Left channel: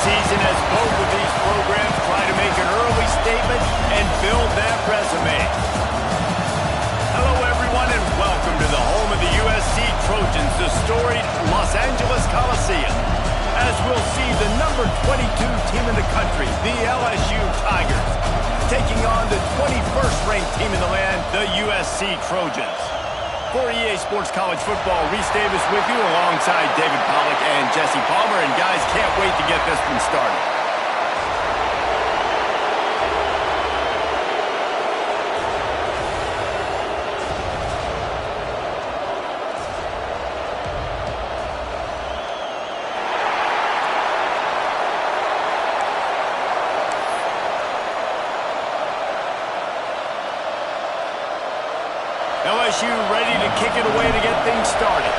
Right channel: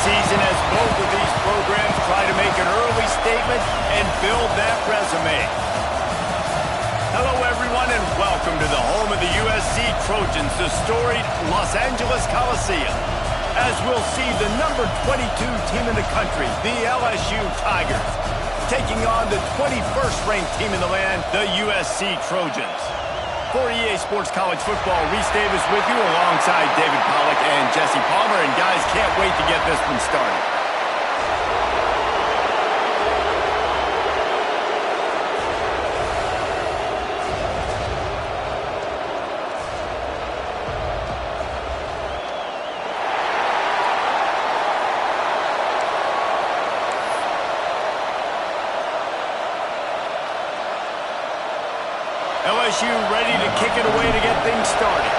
season as both of these programs try to make an early statement and build that resume. Hello, everyone, and welcome to the home of the USC Trojans, the storied Los Angeles Coliseum, as we'll see the number 22 team in the country, the LSU Tigers, taking on the 21st ranked team in the land, the USC Trojans. For EA Sports College Football, Reese Davis with you alongside David Pollack and Jesse Palmer. And guys, can't wait to get this one started. LSU ready to kick it away to get things started.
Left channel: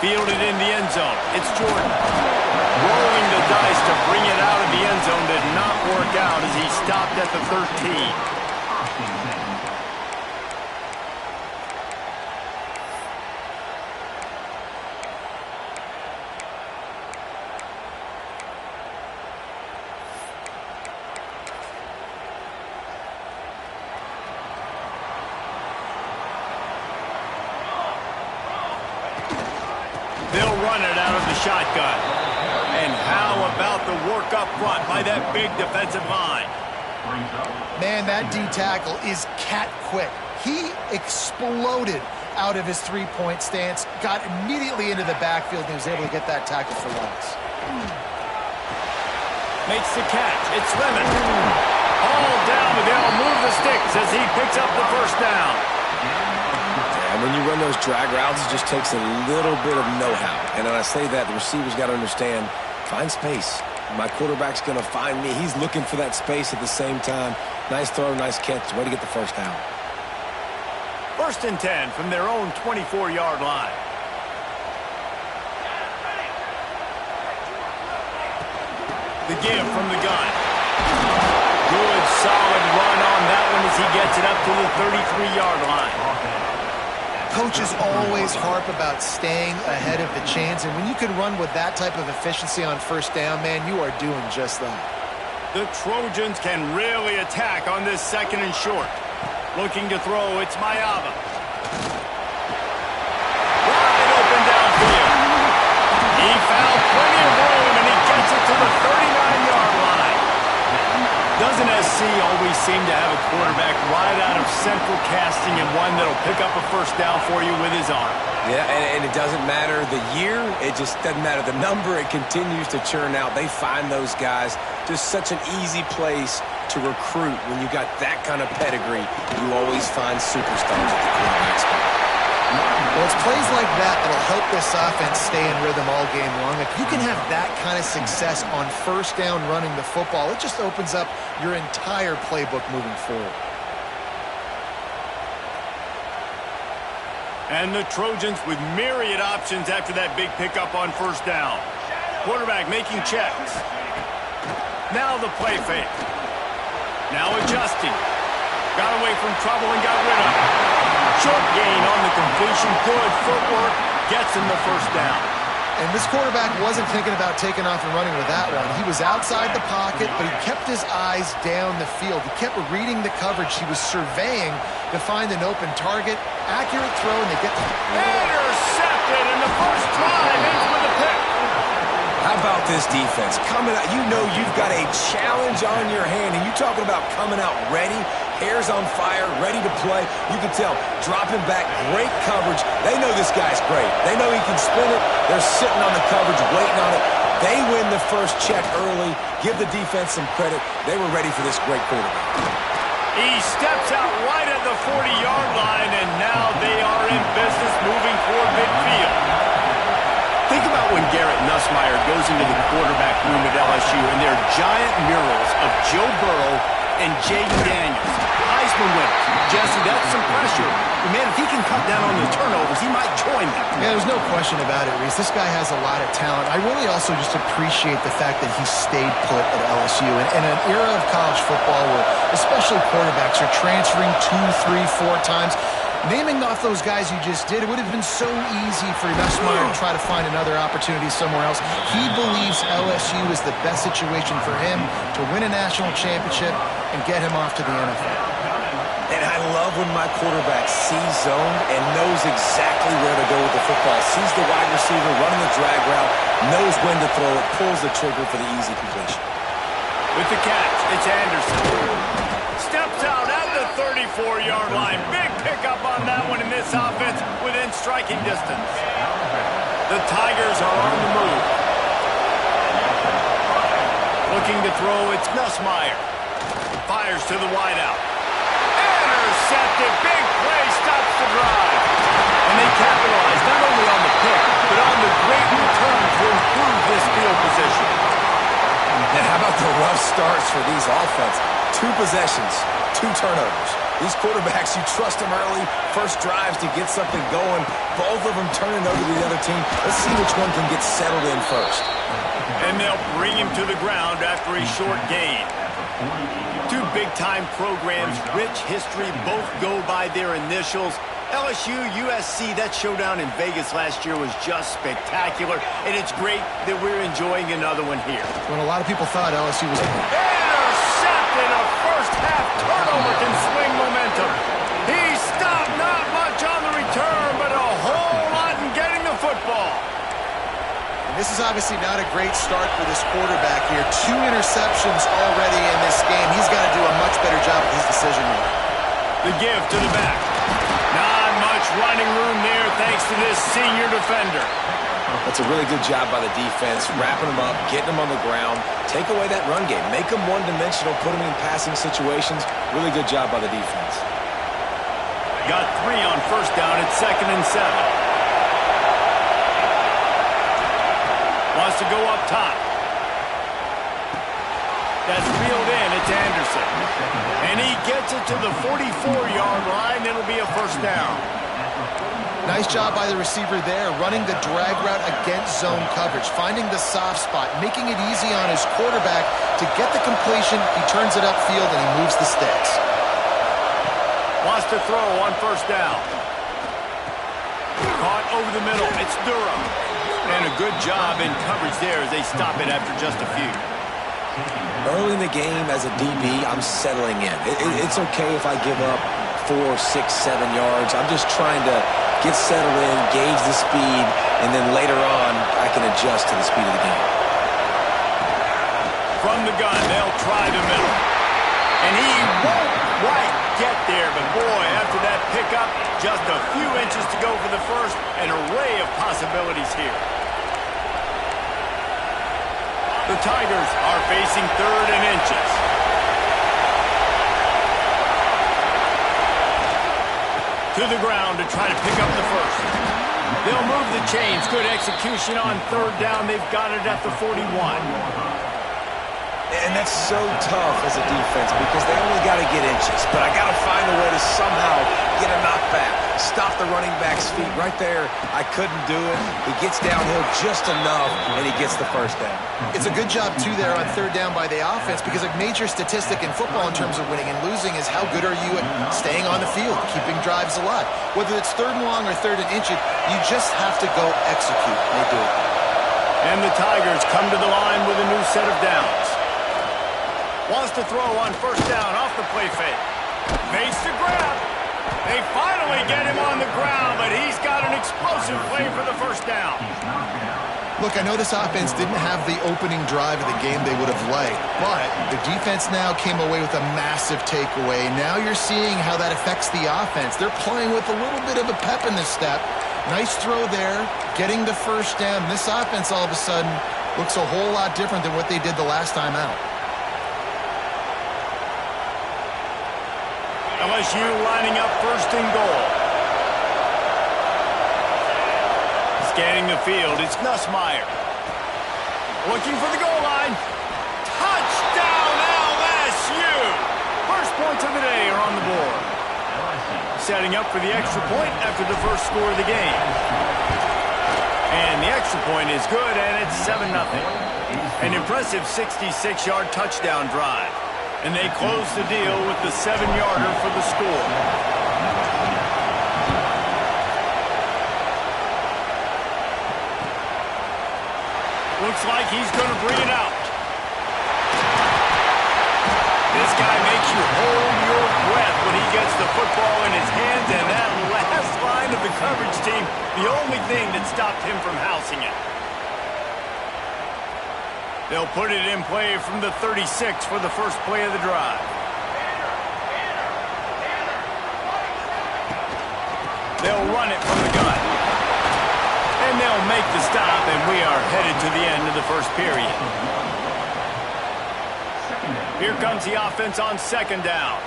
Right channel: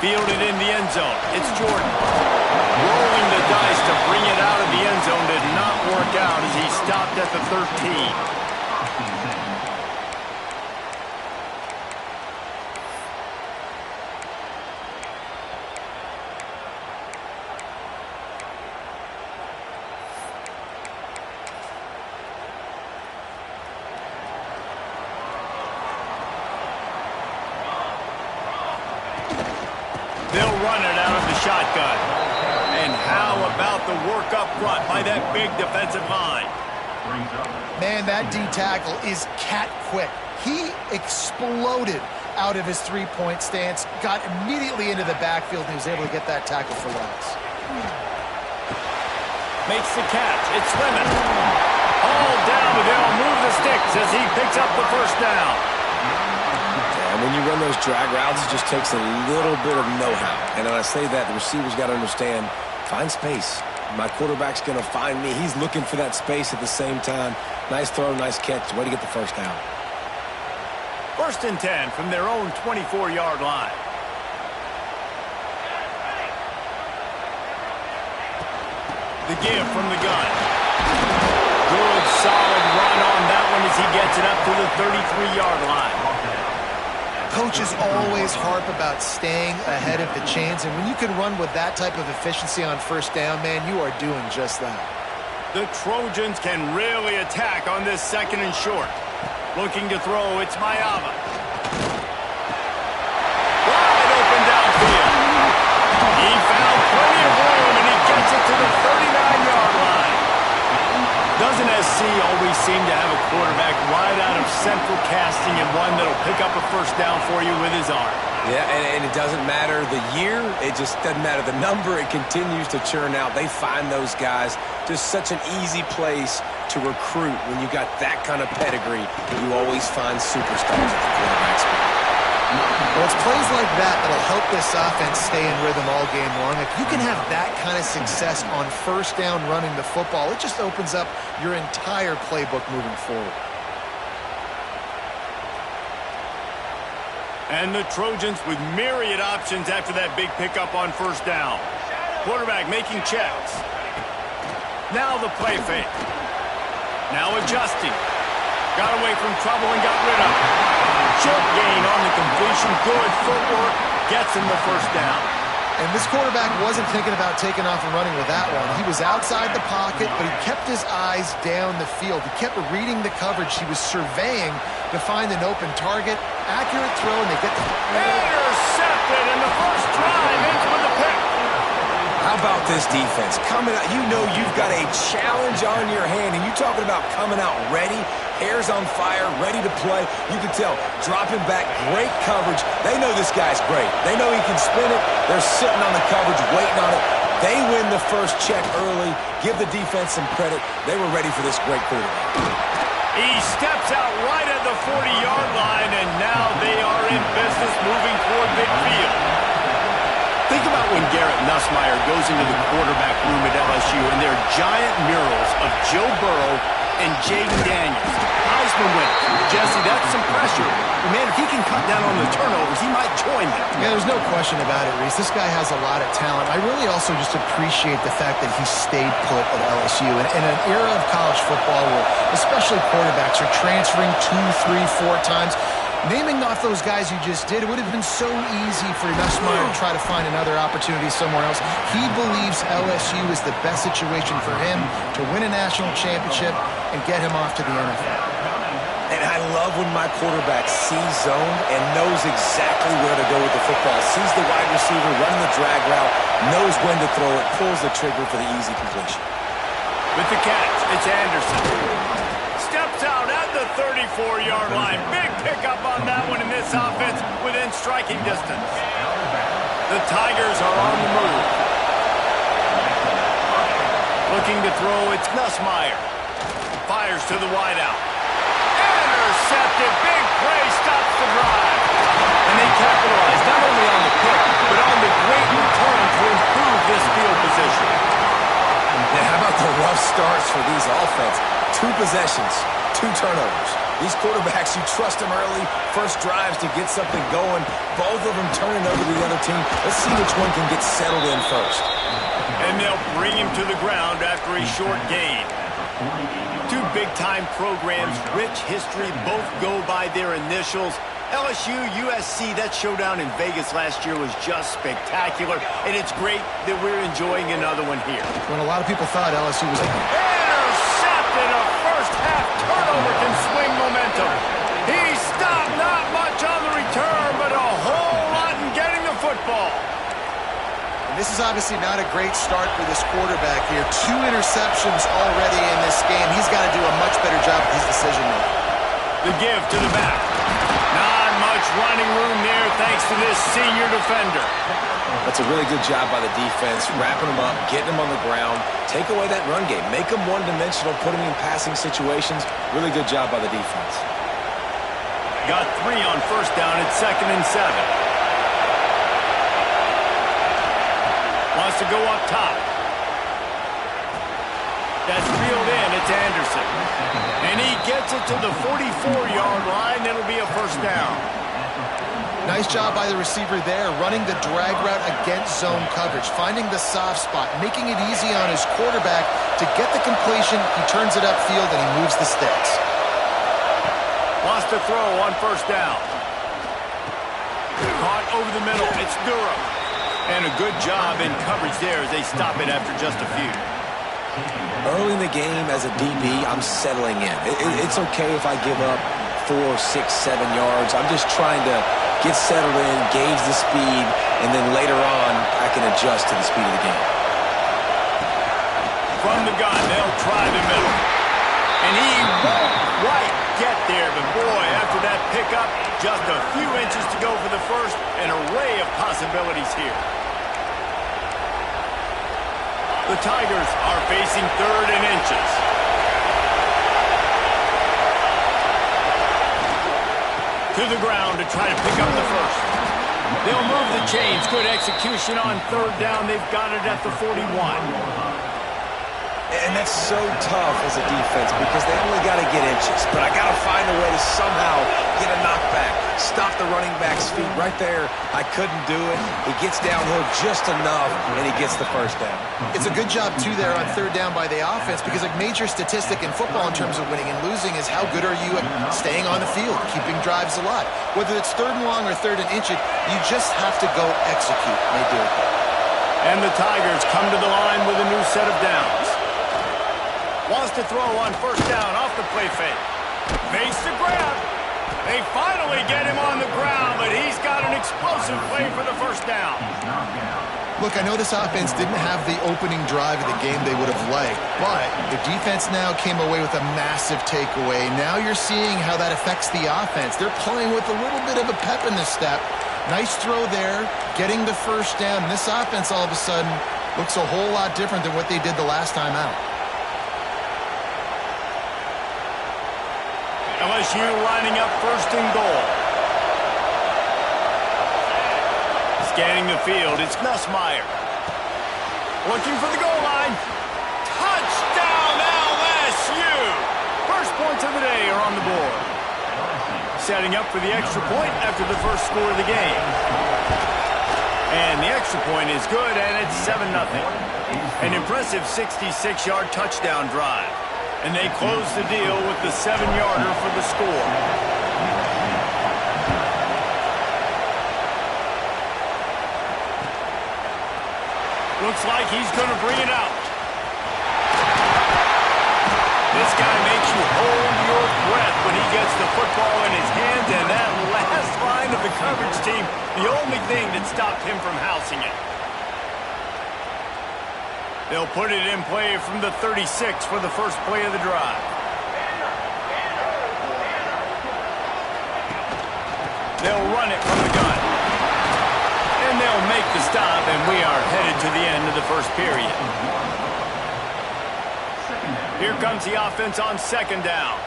Fielded in the end zone. It's Jordan. Rolling the dice to bring it out of the end zone did not work out as he stopped at the 13. They'll run it out of the shotgun. And how about the work up front by that big defensive line? Man, that D-tackle is cat quick. He exploded out of his three-point stance, got immediately into the backfield, and he was able to get that tackle for loss. Makes the catch. It's Lemon. All down, but they'll move the sticks as he picks up the first down. And when you run those drag routes, it just takes a little bit of know-how. And when I say that, the receiver's got to understand, find space. My quarterback's going to find me. He's looking for that space at the same time. Nice throw, nice catch. Way to get the first down. 1st and 10 from their own 24-yard line. The give from the gun. Good, solid run on that one as he gets it up to the 33-yard line. Coaches always harp about staying ahead of the chains, and when you can run with that type of efficiency on first down, man, you are doing just that. The Trojans can really attack on this 2nd and short. Looking to throw, it's Mayava. Wide open downfield. He found plenty of room, and he gets it to the 39-yard line. Doesn't SC always seem to have a quarterback right out of central casting and one that'll pick up a first down for you with his arm? Yeah, and it doesn't matter the year. It just doesn't matter the number. It continues to churn out. They find those guys. Just such an easy place to recruit. When you got that kind of pedigree, you always find superstars at the quarterback spot. Well, it's plays like that that'll help this offense stay in rhythm all game long. If you can have that kind of success on first down running the football, it just opens up your entire playbook moving forward. And the Trojans with myriad options after that big pickup on first down. Quarterback making checks. Now the play fake. Now adjusting. Got away from trouble and got rid of it. Short gain on the completion. Good footwork. Gets him the first down. And this quarterback wasn't thinking about taking off and running with that one. He was outside the pocket, but he kept his eyes down the field. He kept reading the coverage. He was surveying to find an open target. Accurate throw, and they get the... Intercepted, and the first drive ends with a pick. How about this defense? Coming out, you know you've got a challenge on your hand, and you talking about coming out ready, hair's on fire, ready to play. You can tell, dropping back, great coverage. They know this guy's great. They know he can spin it. They're sitting on the coverage, waiting on it. They win the first check early. Give the defense some credit. They were ready for this great quarterback. He steps out right at the 40-yard line, and now they are in business moving toward midfield. Think about when Garrett Nussmeier goes into the quarterback room at LSU, and there are giant murals of Joe Burrow and Jaden Daniels. Heisman winners. Jesse, that's some pressure. But man, if he can cut down on the turnovers, he might join them. Yeah, there's no question about it, Reese. This guy has a lot of talent. I really also just appreciate the fact that he stayed put at LSU. And in an era of college football where especially quarterbacks are transferring 2, 3, 4 times, naming off those guys you just did, it would have been so easy for Nussmeier to try to find another opportunity somewhere else. He believes LSU is the best situation for him to win a national championship and get him off to the NFL. And I love when my quarterback sees zone and knows exactly where to go with the football. Sees the wide receiver running the drag route, knows when to throw it, pulls the trigger for the easy completion. With the catch, it's Anderson. Steps out at the 34-yard line. Big pickup on that one in this offense within striking distance. The Tigers are on the move. Looking to throw, it's Nussmeier. Fires to the wideout. Intercepted. Big play stops the drive. And they capitalize not only on the pick, but on the great return to improve this field position. And how about the rough starts for these offense? 2 possessions, 2 turnovers. These quarterbacks, you trust them early. First drives to get something going. Both of them turning over to the other team. Let's see which one can get settled in first. And they'll bring him to the ground after a short gain. 2 big-time programs, rich history, both go by their initials. LSU, USC, that showdown in Vegas last year was just spectacular, and it's great that we're enjoying another one here. When a lot of people thought LSU was like, intercepted, a first-half turnover can swing momentum. He stopped, not much on the return, but a whole lot in getting the football. and this is obviously not a great start for this quarterback here. 2 interceptions already in this game. He's got to do a much better job with his decision-making. The give to the back. Not much running room there thanks to this senior defender. That's a really good job by the defense, wrapping them up, getting them on the ground. Take away that run game. Make them one-dimensional, put them in passing situations. Really good job by the defense. Got 3 on first down at 2nd and 7. Wants to go up top. That's reeled in. It's Anderson. And he gets it to the 44-yard line. It'll be a first down. Nice job by the receiver there, running the drag route against zone coverage, finding the soft spot, making it easy on his quarterback to get the completion. He turns it upfield, and he moves the sticks. Wants to throw on first down. Caught over the middle. It's Durham. And a good job in coverage there as they stop it after just a few. Early in the game as a DB, I'm settling in. It's okay if I give up 4, 6, 7 yards. I'm just trying to get settled in, gauge the speed, and then later on, I can adjust to the speed of the game. From the gun, they'll try the middle. And he won't quite get there, but boy, after that pickup, just a few inches to go for the first, an array of possibilities here. The Tigers are facing 3rd and inches. To the ground to try to pick up the first. They'll move the chains. Good execution on 3rd down. They've got it at the 41. And that's so tough as a defense because they only got to get inches. But I got to find a way to somehow get a knockback, stop the running back's feet. Right there, I couldn't do it. He gets downhill just enough, and he gets the first down. It's a good job, too, there on 3rd down by the offense because a major statistic in football in terms of winning and losing is how good are you at staying on the field, keeping drives alive. Whether it's 3rd and long or 3rd and inches, you just have to go execute, and they do it there. And the Tigers come to the line with a new set of downs. Wants to throw on first down off the play fake. Fakes the grab. They finally get him on the ground, but he's got an explosive play for the first down. Look, I know this offense didn't have the opening drive of the game they would have liked, but the defense now came away with a massive takeaway. Now you're seeing how that affects the offense. They're playing with a little bit of a pep in the step. Nice throw there, getting the first down. This offense all of a sudden looks a whole lot different than what they did the last time out. LSU lining up 1st and goal. Scanning the field, it's Nussmeier. Looking for the goal line. Touchdown LSU! First point points of the day are on the board. Setting up for the extra point after the first score of the game. And the extra point is good, and it's 7-0. An impressive 66-yard touchdown drive. And they close the deal with the 7-yarder for the score. Looks like he's going to bring it out. This guy makes you hold your breath when he gets the football in his hands, and that last line of the coverage team, the only thing that stopped him from housing it. They'll put it in play from the 36 for the first play of the drive. They'll run it from the gun. And they'll make the stop, and we are headed to the end of the first period. Here comes the offense on second down.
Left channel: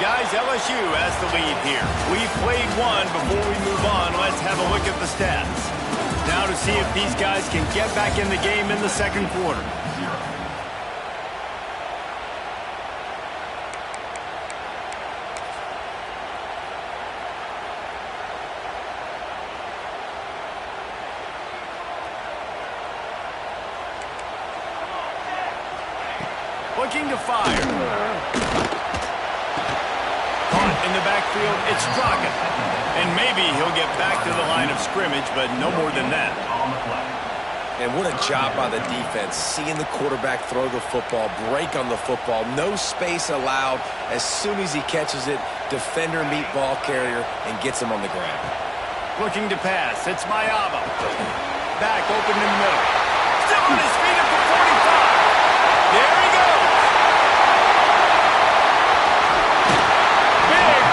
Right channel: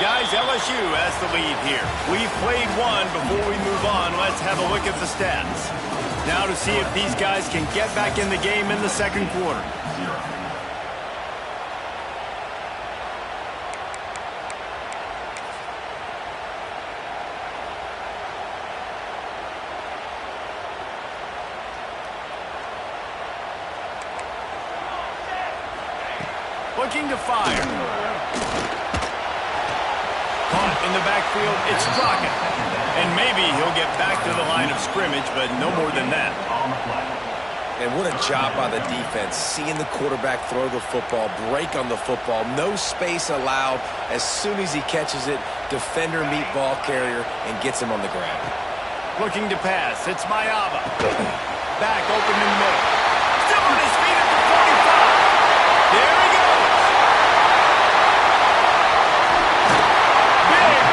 Guys, LSU has the lead here. We've played one. Before we move on, let's have a look at the stats. Now to see if these guys can get back in the game in the second quarter. Looking to fire. Caught in the backfield, it's Crockett. And maybe he'll get back to the line of scrimmage, but no more than that. And what a job by the defense, seeing the quarterback throw the football, break on the football, no space allowed. As soon as he catches it, defender meet ball carrier and gets him on the ground. Looking to pass, it's Mayava. Back open in the middle. Still on his feet at the 45. There he goes.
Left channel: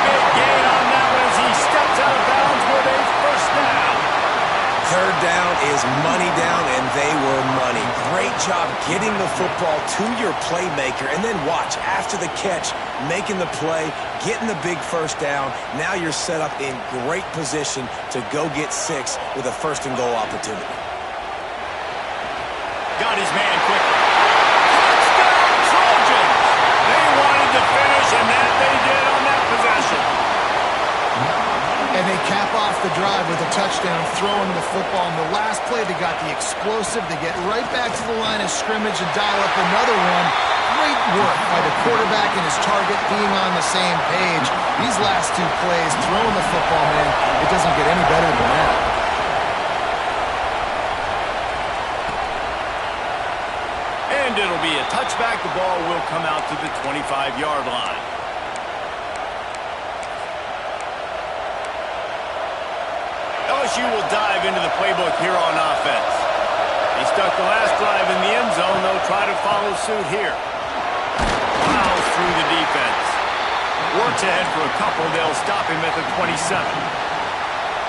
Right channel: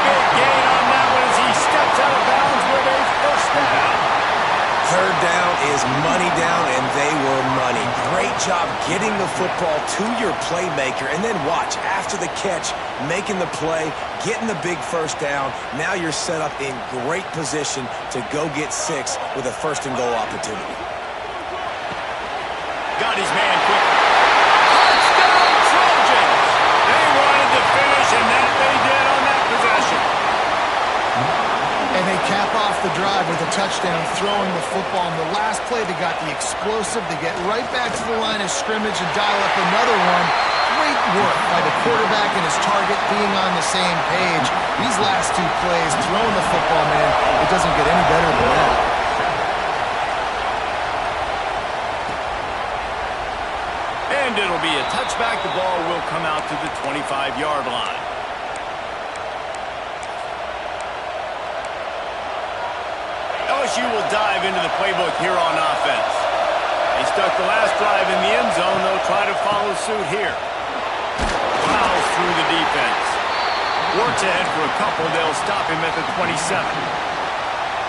Big gain on that one as he steps out of bounds with a first down. Third down is money down, and they were money. Great job getting the football to your playmaker, and then watch, after the catch, making the play, getting the big first down. Now you're set up in great position to go get 6 with a first-and-goal opportunity. Got his man quickly. Touchdown, Trojans! They wanted to finish, and that they did on that possession. And they cap off the drive with a touchdown, throwing the football. In the last play, they got the explosive. They get right back to the line of scrimmage and dial up another one. Great work by the quarterback and his target being on the same page. These last 2 plays, throwing the football, man, it doesn't get any better than that. And it'll be a touchback. The ball will come out to the 25-yard line. LSU will dive into the playbook here on offense. They stuck the last drive in the end zone. They'll try to follow suit here. Plows through the defense. Works ahead for a couple. They'll stop him at the 27.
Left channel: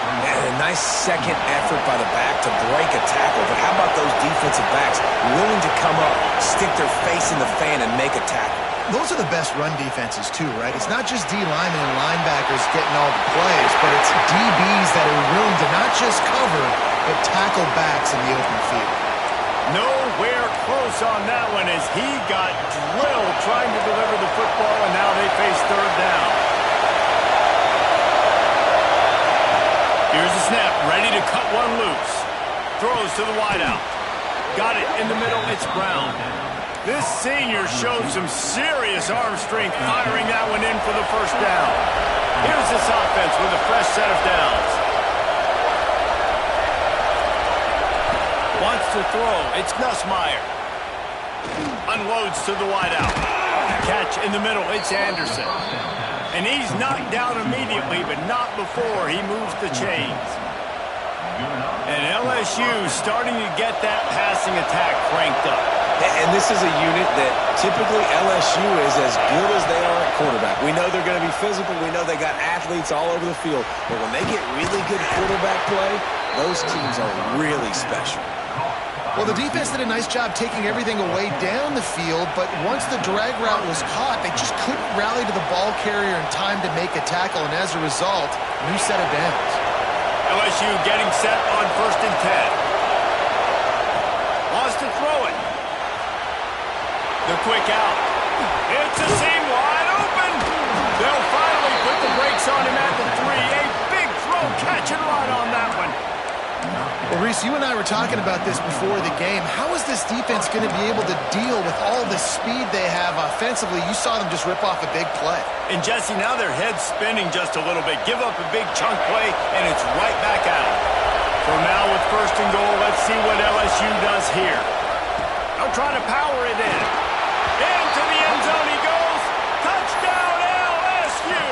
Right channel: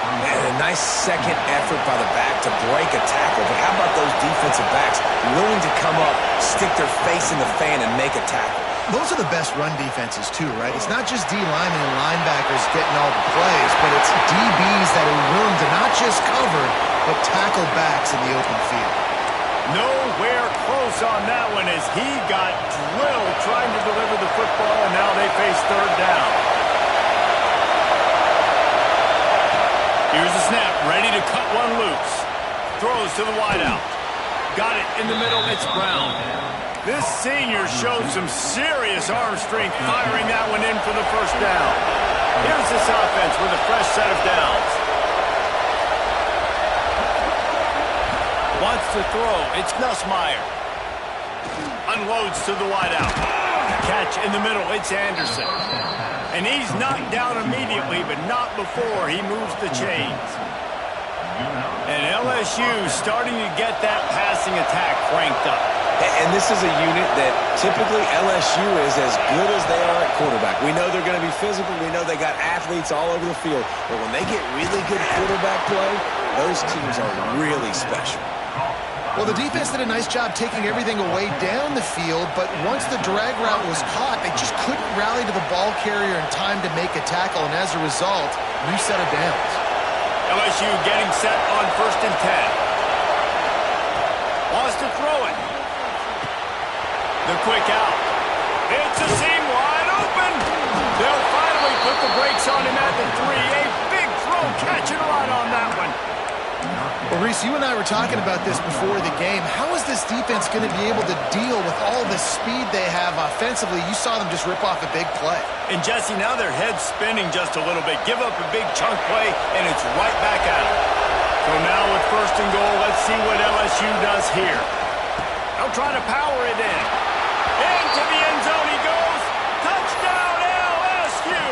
And a nice second effort by the back to break a tackle. But how about those defensive backs willing to come up, stick their face in the fan, and make a tackle? Those are the best run defenses, too, right? It's not just D-linemen and linebackers getting all the plays, but it's DBs that are willing to not just cover, but tackle backs in the open field. Nowhere close on that one as he got drilled trying to deliver the football, and now they face third down. Here's the snap, ready to cut one loose. Throws to the wideout. Got it in the middle, it's Brown. This senior showed some serious arm strength firing that one in for the first down. Here's this offense with a fresh set of downs. Wants to throw, it's Nussmeier. Unloads to the wideout. Catch in the middle, it's Anderson. And he's knocked down immediately, but not before he moves the chains. And LSU starting to get that passing attack cranked up. And this is a unit that typically LSU is as good as they are at quarterback. We know they're going to be physical. We know they got athletes all over the field. But when they get really good quarterback play, those teams are really special. Well, the defense did a nice job taking everything away down the field, but once the drag route was caught, they just couldn't rally to the ball carrier in time to make a tackle, and as a result, new set of downs. LSU getting set on 1st and 10. Wants to throw it. The quick out. It's a seam wide open. They'll finally put the brakes on him at the 3. A big throw, catch and run on that one. Well, Reese, you and I were talking about this before the game. How is this defense going to be able to deal with all the speed they have offensively? You saw them just rip off a big play. And Jesse, now their head's spinning just a little bit. Give up a big chunk play, and it's right back at them. So now with 1st and goal, let's see what LSU does here. They'll try to power it in. Into the end zone he goes. Touchdown, LSU!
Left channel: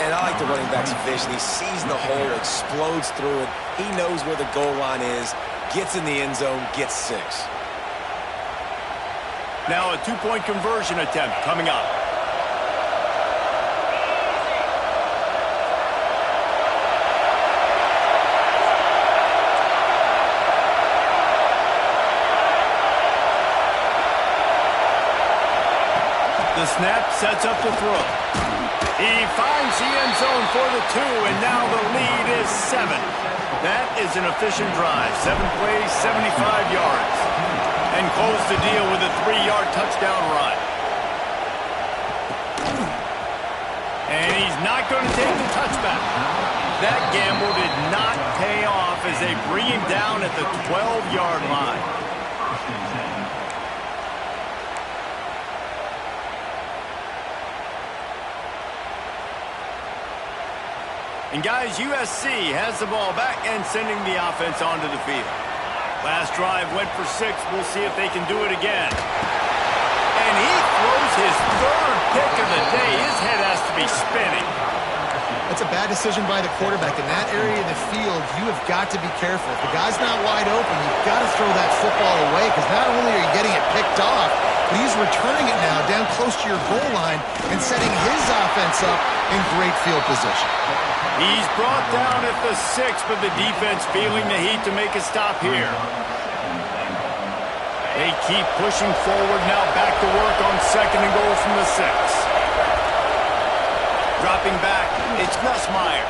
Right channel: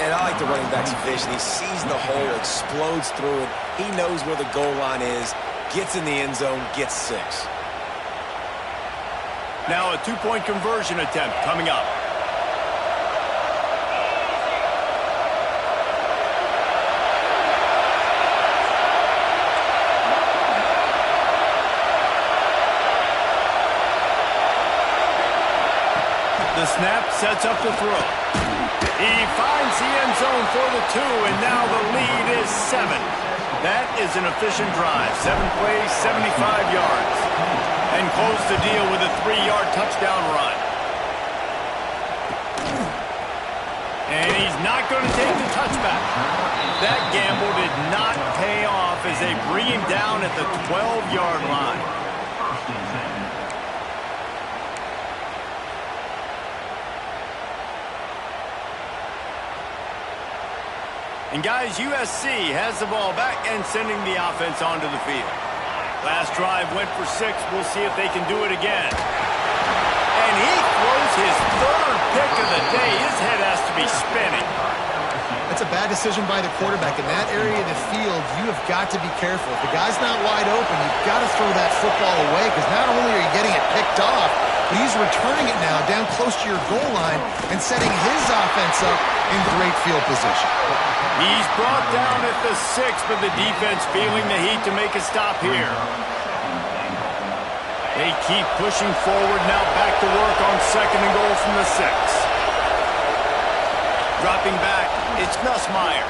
And I like the running back's vision. He sees the hole, explodes through it. He knows where the goal line is, gets in the end zone, gets 6. Now a 2-point conversion attempt coming up. The snap sets up the throw. He finds the end zone for the 2, and now the lead is 7. That is an efficient drive. 7 plays, 75 yards. And close the deal with a 3-yard touchdown run. And he's not going to take the touchback. That gamble did not pay off as they bring him down at the 12-yard line. And guys, USC has the ball back and sending the offense onto the field. Last drive went for 6. We'll see if they can do it again. And he throws his 3rd pick of the day. His head has to be spinning. That's a bad decision by the quarterback. In that area of the field, you have got to be careful. If the guy's not wide open, you've got to throw that football away, because not only are you getting it picked off, but he's returning it now down close to your goal line and setting his offense up in great field position. He's brought down at the 6, but the defense feeling the heat to make a stop here. They keep pushing forward, now back to work on 2nd and goal from the 6. Dropping back, it's Nussmeier.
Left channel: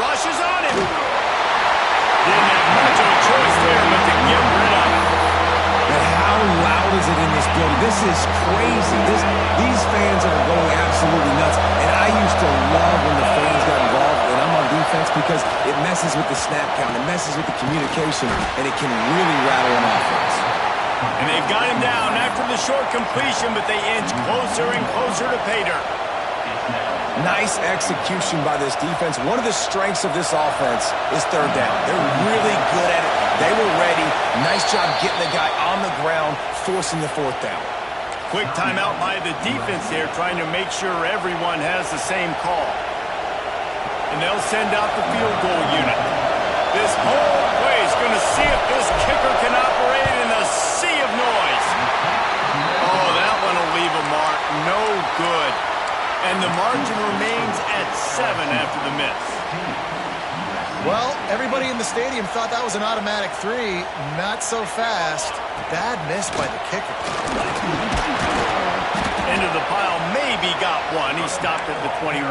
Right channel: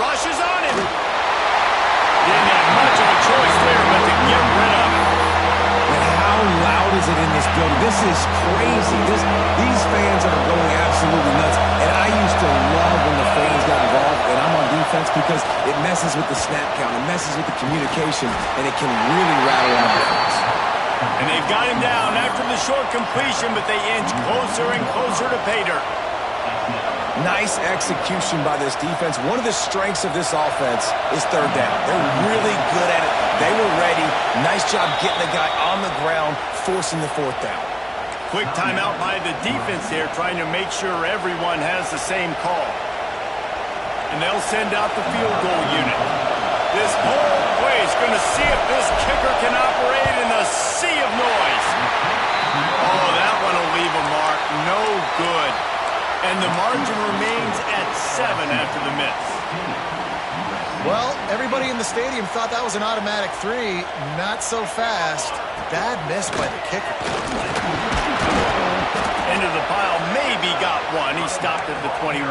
Rushes on him. Didn't have much of a choice there, but to get rid of it. And how loud is it in this building? This is crazy. These fans are going absolutely nuts. And I used to love when the fans got involved, and I'm on defense, because it messes with the snap count, it messes with the communication, and it can really rattle an offense. And they've got him down after the short completion, but they inch closer and closer to pay dirt. Nice execution by this defense. One of the strengths of this offense is 3rd down. They're really good at it. They were ready. Nice job getting the guy on the ground, forcing the 4th down. Quick timeout by the defense there, trying to make sure everyone has the same call. And they'll send out the field goal unit. This whole play is going to see if this kicker can operate in a sea of noise. Oh, that one will leave a mark. No good. And the margin remains at 7 after the miss. Well, everybody in the stadium thought that was an automatic 3. Not so fast. Bad miss by the kicker. Into the pile, maybe got one. He stopped at the 21.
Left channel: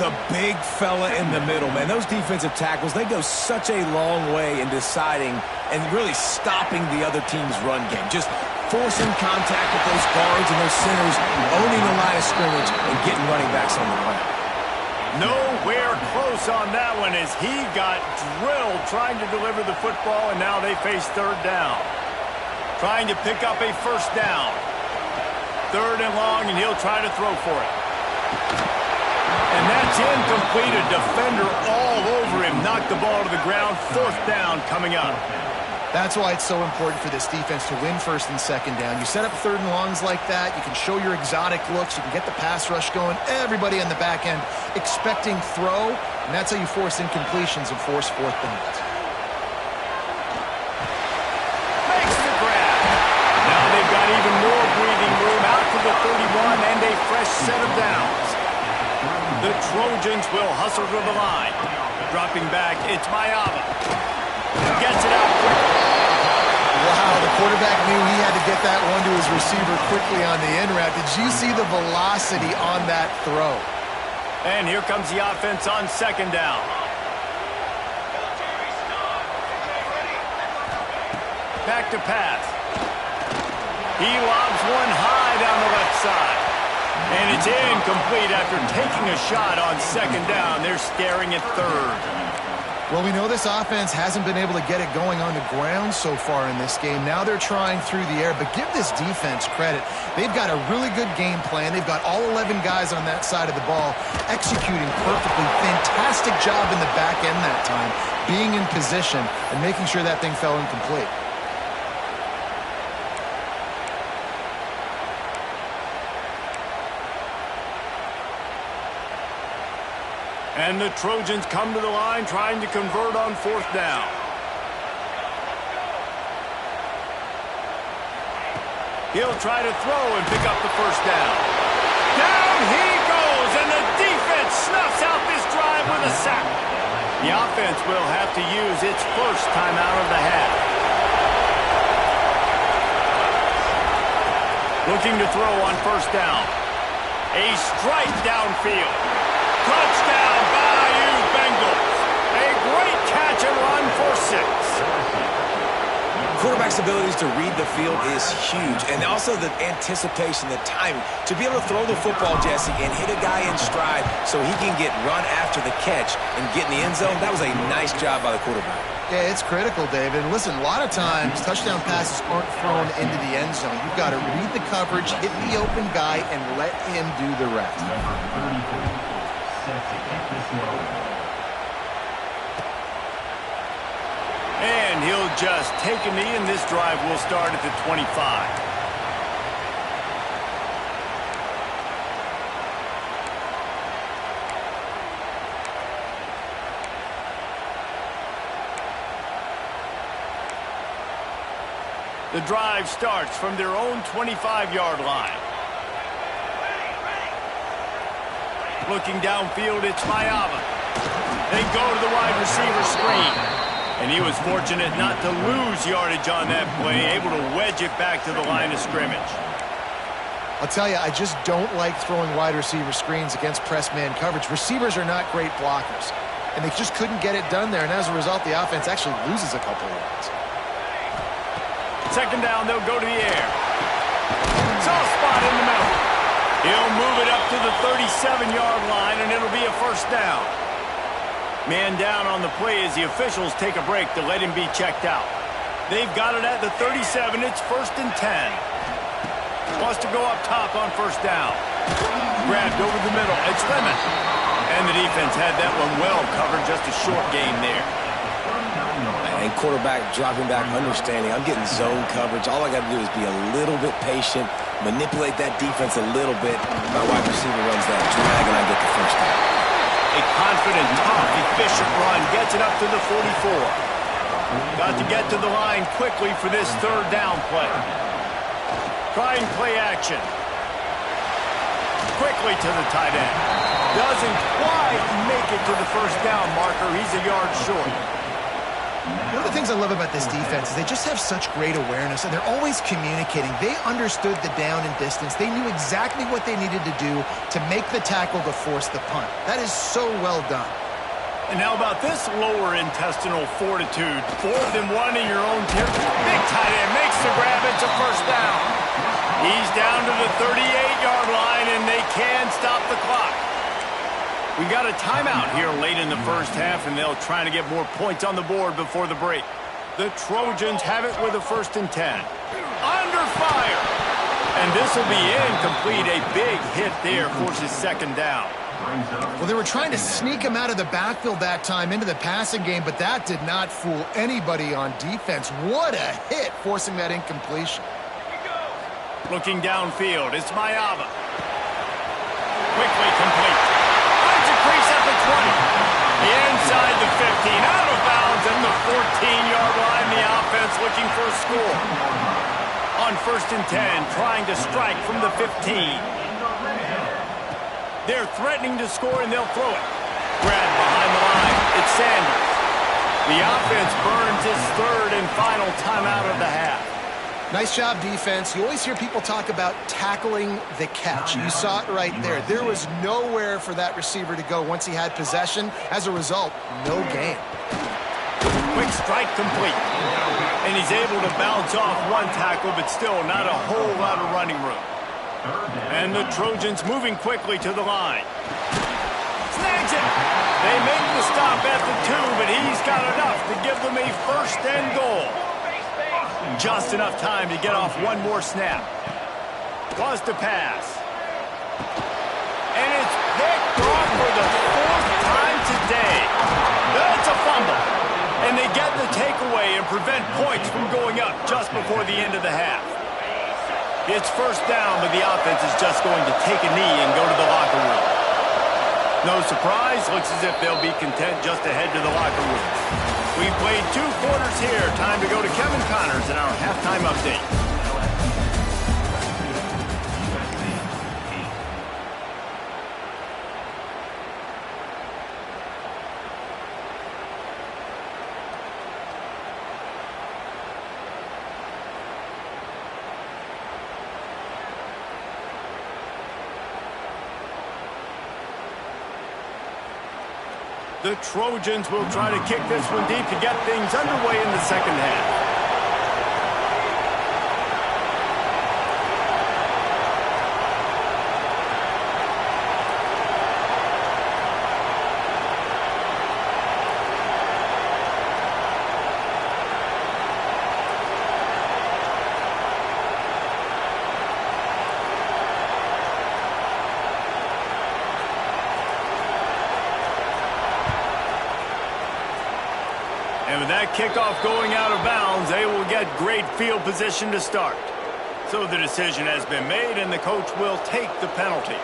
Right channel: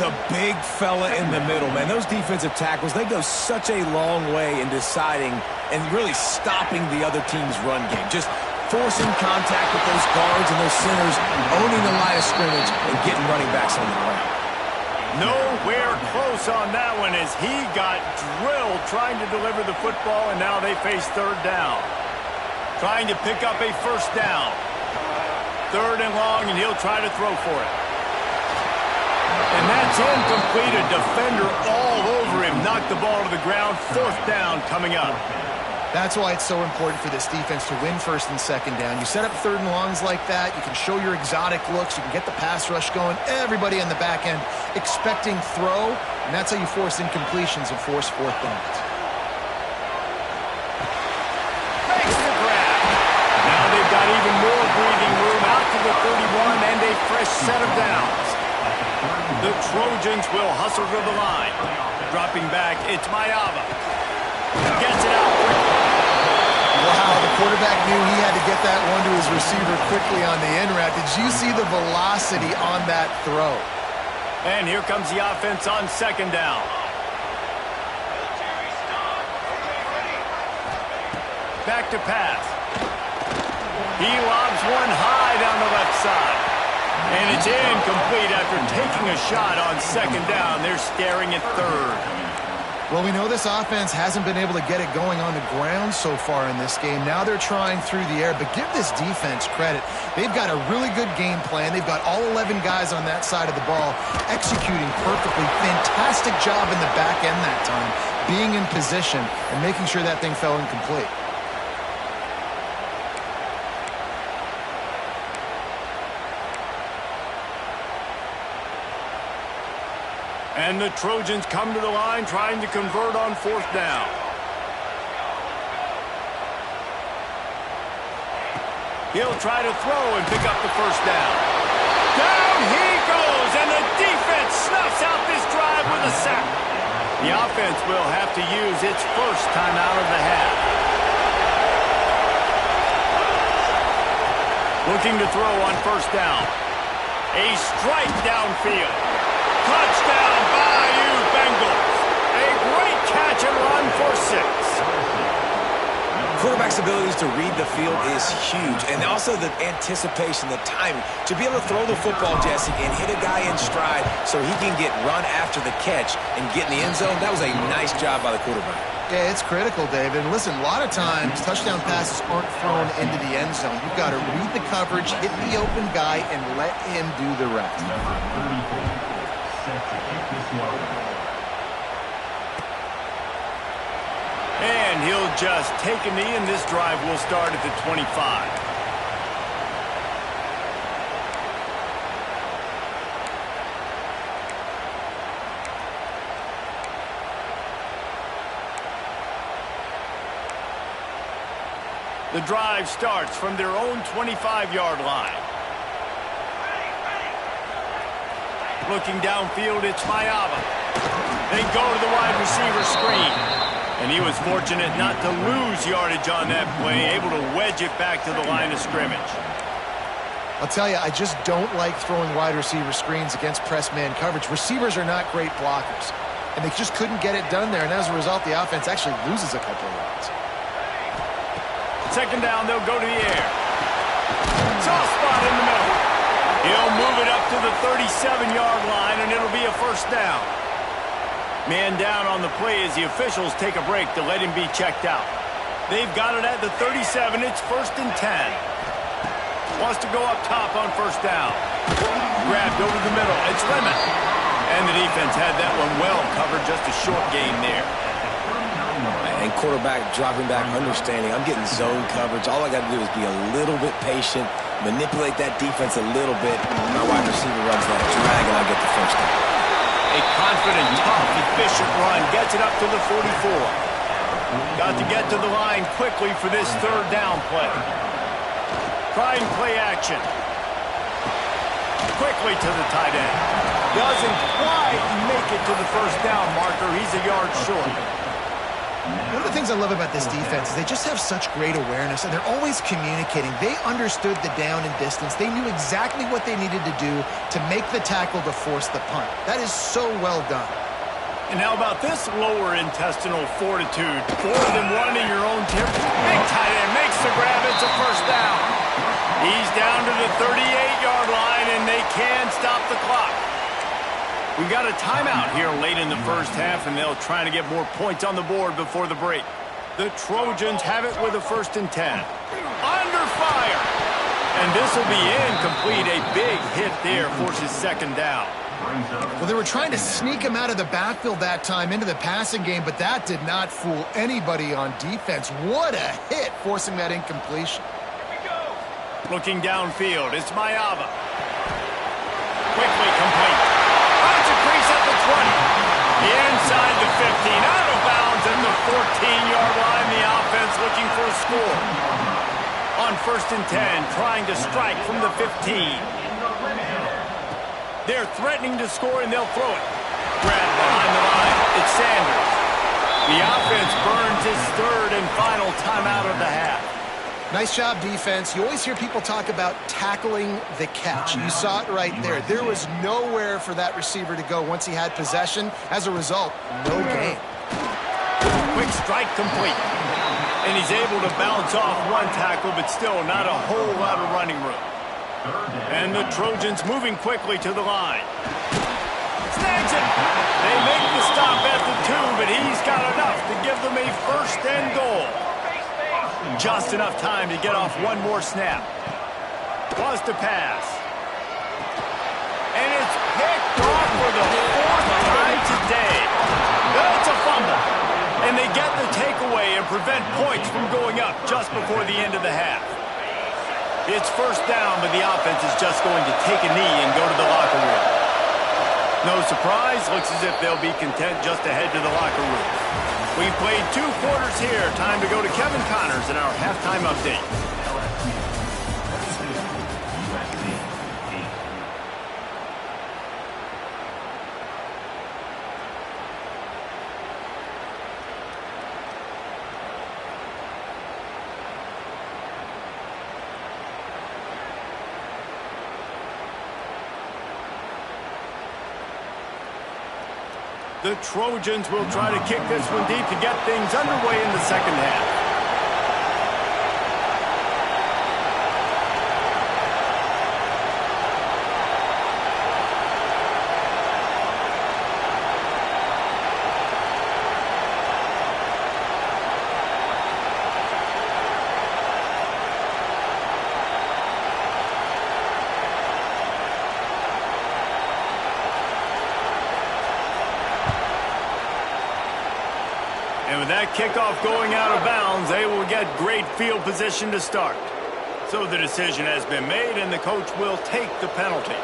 The big fella in the middle, man. Those defensive tackles, they go such a long way in deciding and really stopping the other team's run game. Just forcing contact with those guards and those centers, owning the line of scrimmage, and getting running backs on the ground. Nowhere close on that one as he got drilled trying to deliver the football, and now they face 3rd down. Trying to pick up a 1st down. 3rd and long, and he'll try to throw for it. And that's incomplete. A defender all over him. Knocked the ball to the ground. 4th down coming up. That's why it's so important for this defense to win 1st and 2nd down. You set up 3rd and longs like that, you can show your exotic looks, you can get the pass rush going, everybody on the back end expecting throw, and that's how you force incompletions and force 4th downs. Makes the grab. Now they've got even more breathing room out to the 31 and a fresh set of downs. The Trojans will hustle to the line. Dropping back, it's Maiava. Gets it out quickly. Wow, the quarterback knew he had to get that one to his receiver quickly on the in route. Did you see the velocity on that throw? And here comes the offense on 2nd down. back to pass. He lobs one high down the left side. And it's incomplete after taking a shot on second down. They're staring at third. Well, we know this offense hasn't been able to get it going on the ground so far in this game. Now they're trying through the air, but give this defense credit. They've got a really good game plan. They've got all 11 guys on that side of the ball executing perfectly. Fantastic job in the back end that time, being in position and making sure that thing fell incomplete. And the Trojans come to the line trying to convert on fourth down. He'll try to throw and pick up the first down. Down he goes, and the defense snuffs out this drive with a sack. The offense will have to use its first timeout of the half. Looking to throw on first down. A strike downfield. Touchdown, Bayou Bengals. A great catch and run for 6. Quarterback's abilities to read the field is huge, and also the anticipation, the timing. To be able to throw the football, Jesse, and hit a guy in stride so he can get run after the catch and get in the end zone, that was a nice job by the quarterback. Yeah, it's critical, David. And listen, a lot of times touchdown passes aren't thrown into the end zone. You've got to read the coverage, hit the open guy, and let him do the rest. Set to kick this one. And he'll just take a knee, and this drive will start at the 25. The drive starts from their own 25-yard line. Looking downfield, it's Mayava. They go to the wide receiver screen. And he was fortunate not to lose yardage on that play, able to wedge it back to the line of scrimmage. I'll tell you, I just don't like throwing wide receiver screens against press man coverage. Receivers are not great blockers, and they just couldn't get it done there. And as a result, the offense actually loses a couple of yards. Second down, they'll go to the air. Soft spot in the middle. He'll move it up to the 37-yard line, and it'll be a first down. Man down on the play as the officials take a break to let him be checked out. They've got it at the 37. It's 1st and 10. Wants to go up top on first down. Grabbed over the middle. It's Lemon. And the defense had that one well covered. Just a short gain there. And quarterback dropping back, understanding I'm getting zone coverage. All I got to do is be a little bit patient, manipulate that defense a little bit. My wide receiver runs that drag, and I get the first down. A confident, tough, efficient run gets it up to the 44. Got to get to the line quickly for this third down play. Trying play action. Quickly to the tight end. Doesn't quite make it to the first down marker. He's a yard short. One of the things I love about this defense is they just have such great awareness, and they're always communicating. They understood the down and distance. They knew exactly what they needed to do to make the tackle to force the punt. That is so well done. And how about this lower intestinal fortitude? 4th and 1 in your own territory. Big tight end makes the grab. It's a first down. He's down to the 38-yard line, and they can stop the clock. We've got a timeout here late in the first half, and they'll try to get more points on the board before the break. The Trojans have it with a 1st and 10. Under fire. And this will be incomplete. A big hit there forces second down. Well, they were trying to sneak him out of the backfield that time into the passing game, but that did not fool anybody on defense. What a hit, forcing that incompletion. Looking downfield, it's Mayava. Quickly complete. Finds a crease at the 20. Inside the 15. Out of bounds at the 14-yard line. The offense looking for a score. On 1st and 10, trying to strike from the 15. They're threatening to score, and they'll throw it. Grabbed behind the line. It's Sanders. The offense burns its third and final timeout of the half. Nice job, defense. You always hear people talk about tackling the catch. You saw it right there. There was nowhere for that receiver to go once he had possession. As a result, no gain. Quick strike complete. And he's able to bounce off one tackle, but still not a whole lot of running room. And the Trojans moving quickly to the line. Snags it. They make the stop at the 2, but he's got enough to give them a first and goal. Just enough time to get off one more snap. Was to pass. And it's picked off for the 4th time today. That's a fumble. And they get the takeaway and prevent points from going up just before the end of the half. It's first down, but the offense is just going to take a knee and go to the locker room. No surprise, looks as if they'll be content just to head to the locker room. We've played 2 quarters here. Time to go to Kevin Connors in our halftime update. The Trojans will try to kick this one deep to get things underway in the second half. And with that kickoff going out of bounds, they will get great field position to start. So the decision has been made, and the coach will take the penalty.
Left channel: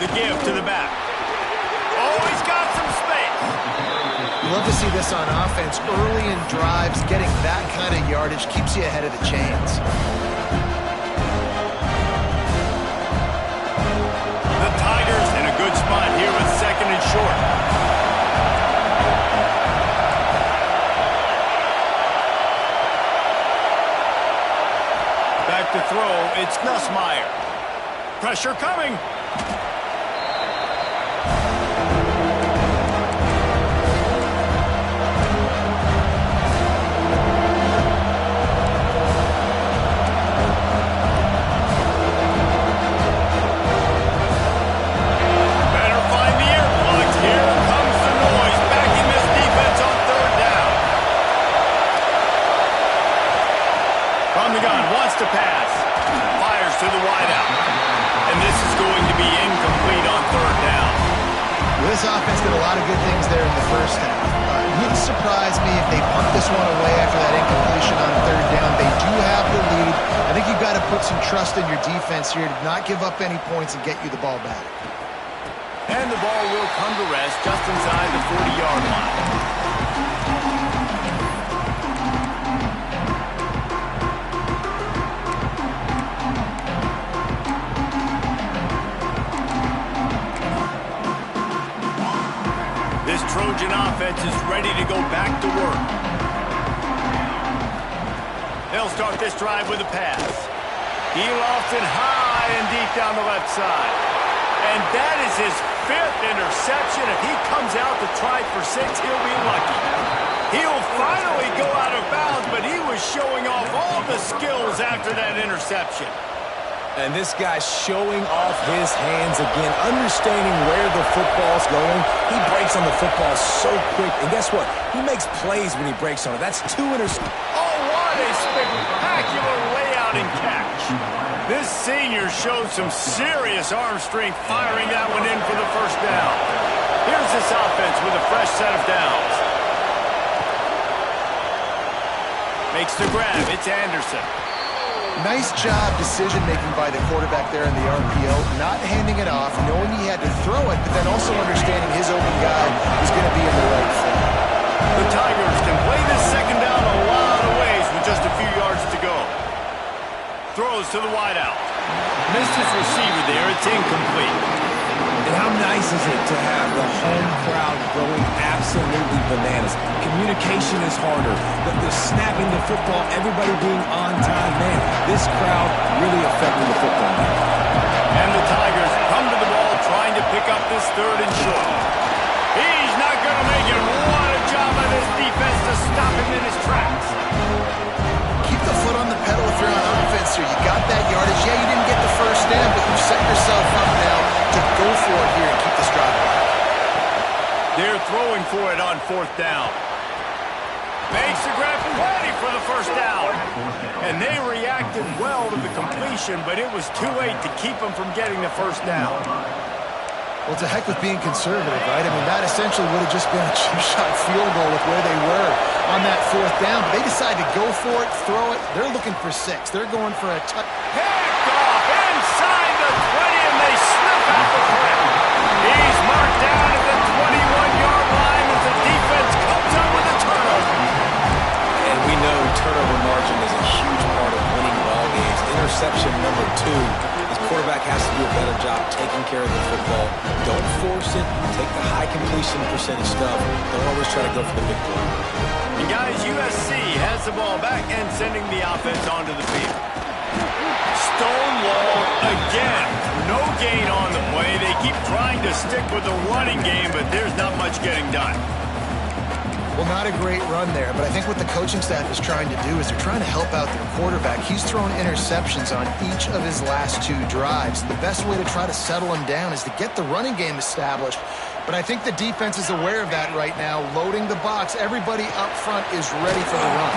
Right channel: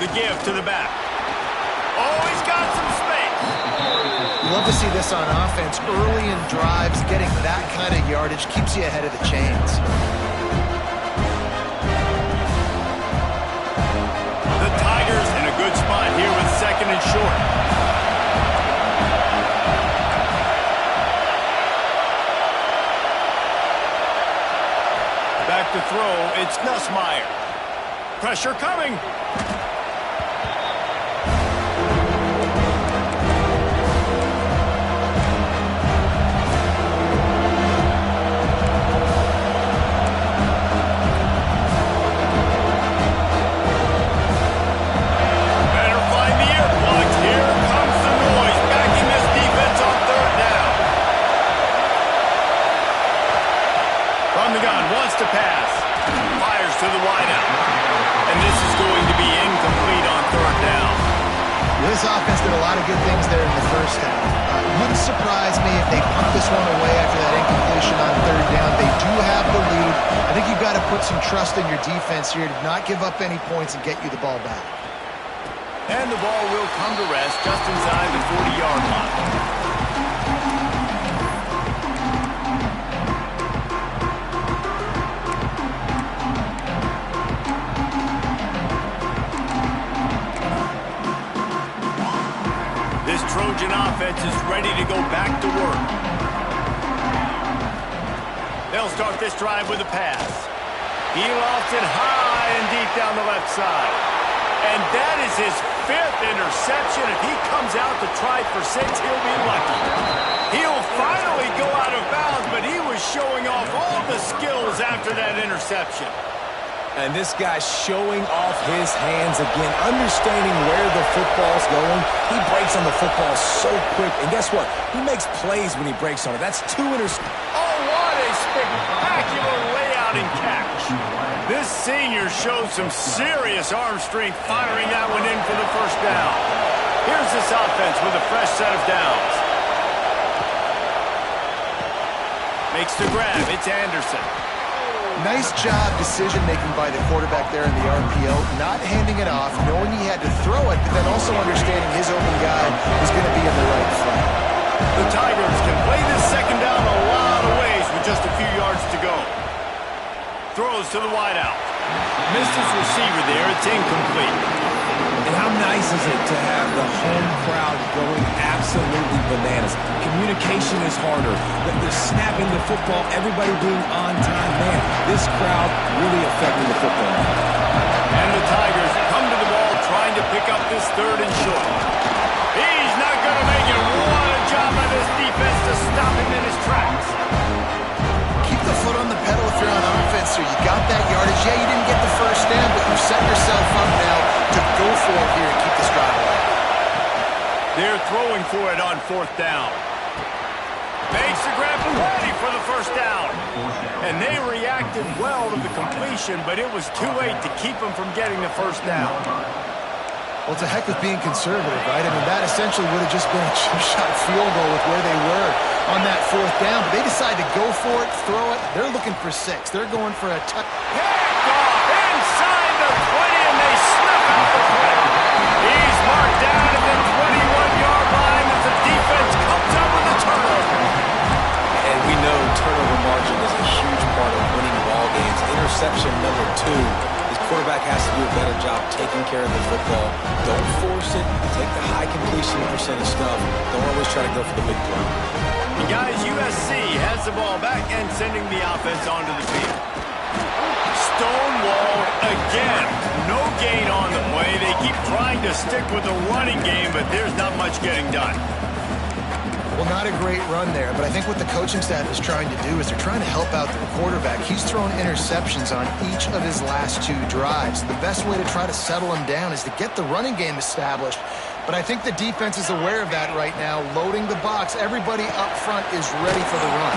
The give to the back. Oh, he's got some space. You love to see this on offense. Early in drives, getting that kind of yardage keeps you ahead of the chains. The Tigers in a good spot here with 2nd and short. Back to throw, it's Nussmeier. Pressure coming. Better find the earplugs. Here comes the noise, backing this defense on 3rd down. From the gun, wants to pass. Fires to the wideout. And this is going to be incomplete on 3rd down. This offense did a lot of good things there in the first half. It wouldn't surprise me if they punt this one away after that incompletion on 3rd down. They do have the lead. I think you've got to put some trust in your defense here to not give up any points and get you the ball back. And the ball will come to rest just inside the 40-yard line. Trojan offense is ready to go back to work. They'll start this drive with a pass. He lofts it high and deep down the left side. And that is his 5th interception. If he comes out to try for 6, he'll be lucky. He'll finally go out of bounds, but he was showing off all the skills after that interception. And this guy's showing off his hands again, understanding where the football's going. He breaks on the football so quick. And guess what? He makes plays when he breaks on it. That's 2 interceptions. Oh, what a spectacular layout and catch. This senior showed some serious arm strength firing that one in for the 1st down. Here's this offense with a fresh set of downs. Makes the grab. It's Anderson. Nice job decision-making by the quarterback there in the RPO, not handing it off, knowing he had to throw it, but then also understanding his open guy was going to be in the right spot. The Tigers can play this 2nd down a lot of ways with just a few yards to go. Throws to the wideout. Missed his receiver there. It's incomplete. And how nice is it to have the home crowd going absolutely bananas? Communication is harder. The snapping the football, everybody being on time. Man, this crowd really affecting the football. And the Tigers come to the ball trying to pick up this 3rd and short. He's not going to make it. What a job by this defense to stop him in his tracks. Keep the foot on the pedal if you're on offense here. You got that yardage. Yeah, you didn't get the 1st down, but you set yourself up now to go for it here and keep this drive alive. They're throwing for it on 4th down. Makes the grab ready for the 1st down. And they reacted well to the completion, but it was too late to keep them from getting the 1st down. Well, it's a heck of being conservative, right? I mean, that essentially would have just been a chip-shot field goal with where they were on that 4th down. But they decided to go for it, throw it. They're looking for 6. They're going for a touch. Picked off inside the 20, and they snuff out the threat. He's marked down at the 21-yard line as the defense comes up with a turnover. And we know turnover margin is a huge part of winning ball games. Interception number 2. His quarterback has to do a better job taking care of the football. Don't force it. Take the high completion percentage stuff. Don't always try to go for the big play. And guys, USC has the ball back and sending the offense onto the field. Stonewalled again. No gain on the play. They keep trying to stick with the running game, but there's not much getting done. Well, not a great run there, but I think what the coaching staff is trying to do is they're trying to help out their quarterback. He's thrown interceptions on each of his last 2 drives. The best way to try to settle him down is to get the running game established. But I think the defense is aware of that right now, loading the box. Everybody up front is ready for the run.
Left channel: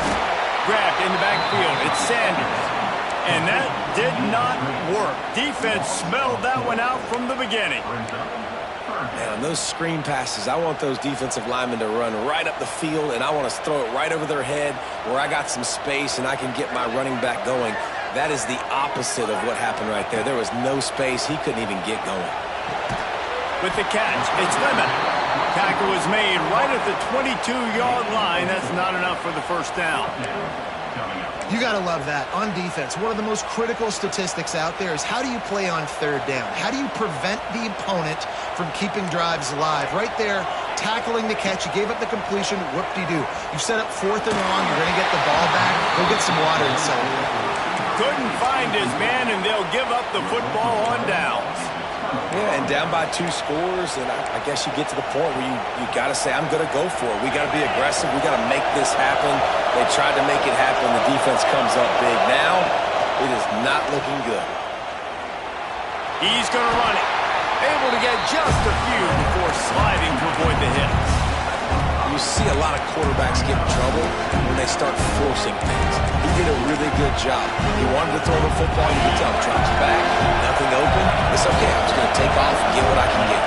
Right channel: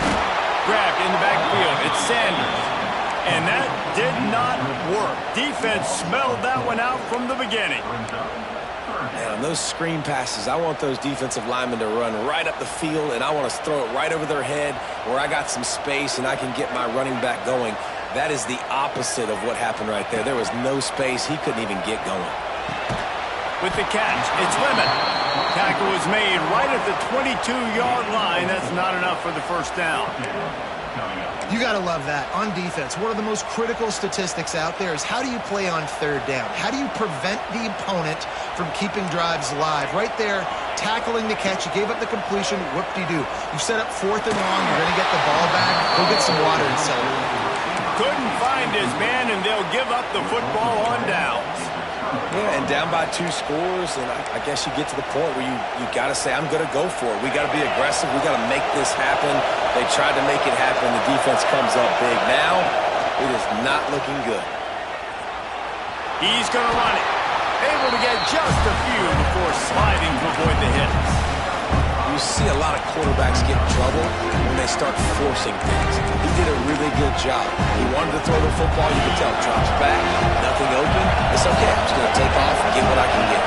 Grabbed in the backfield. It's Sanders. And that did not work. Defense smelled that one out from the beginning. And on those screen passes, I want those defensive linemen to run right up the field, and I want to throw it right over their head where I got some space and I can get my running back going. That is the opposite of what happened right there. There was no space. He couldn't even get going. With the catch, it's Lemon. Tackle was made right at the 22-yard line. That's not enough for the first down. You got to love that. On defense, one of the most critical statistics out there is how do you play on third down? How do you prevent the opponent from keeping drives alive? Right there, tackling the catch. You gave up the completion. Whoop-de-doo. You set up 4th and long. You're going to get the ball back. Go get some water and celebrate. Couldn't find his man, and they'll give up the football on downs. Yeah, and down by 2 scores, and I guess you get to the point where you got to say, I'm going to go for it. We got to be aggressive. We got to make this happen. They tried to make it happen. The defense comes up big. Now, it is not looking good. He's going to run it. Able to get just a few before sliding to avoid the hits. You see a lot of quarterbacks get in trouble when they start forcing things. He did a really good job. He wanted to throw the football. You can tell, drops back, nothing open. It's okay. I'm just going to take off and get what I can get.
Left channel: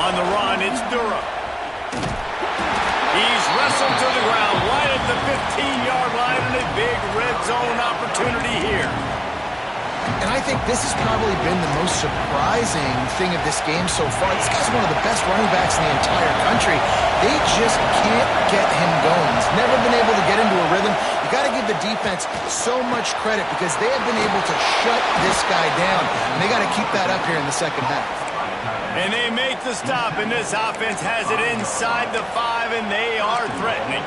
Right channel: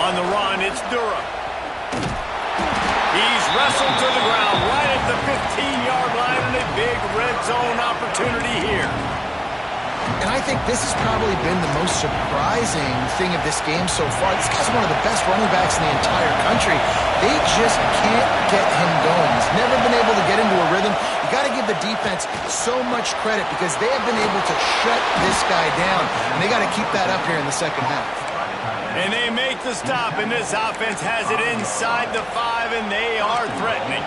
On the run, it's Durham. He's wrestled to the ground right at the 15-yard line, and a big red zone opportunity here. And I think this has probably been the most surprising thing of this game so far. This guy's one of the best running backs in the entire country. They just can't get him going. He's never been able to get into a rhythm. You got to give the defense so much credit because they have been able to shut this guy down. And they got to keep that up here in the second half. And they make the stop, and this offense has it inside the 5, and they are threatening.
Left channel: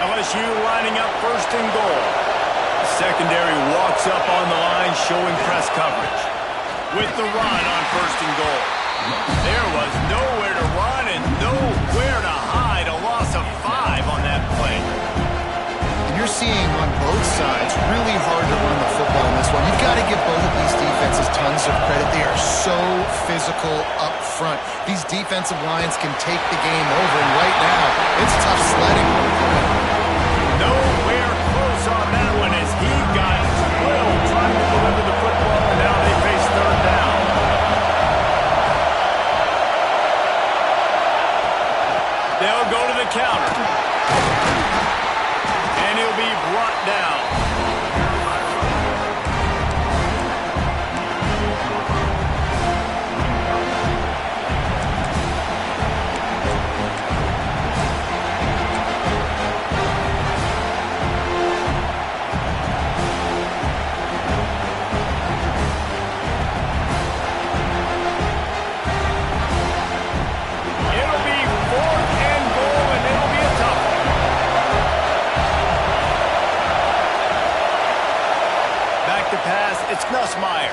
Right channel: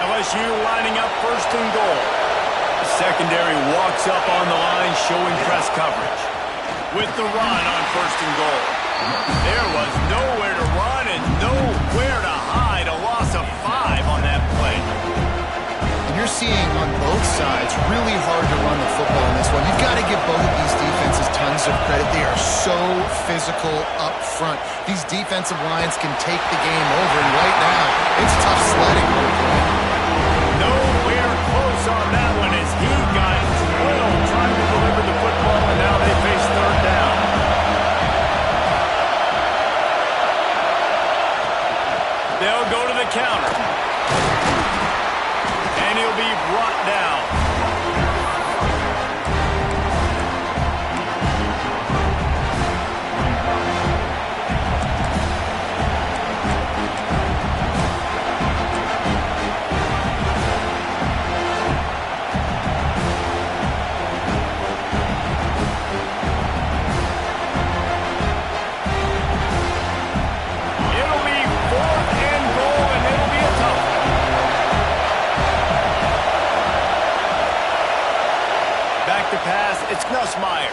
LSU lining up 1st and goal. Secondary walks up on the line, showing press coverage. With the run on 1st and goal. There was nowhere to run and nowhere to hide. A loss of 5 on that play. And you're seeing on both sides really hard to run the football in this one. You've got to give both of these defenses tons of credit. They are so physical up front. These defensive lines can take the game over, and right now, it's tough sledding on the play. Nowhere close on that one as he got 12 trying to deliver the football, and now they face 3rd down. They'll go to the counter. And he'll be brought down. To pass, it's Nussmeier.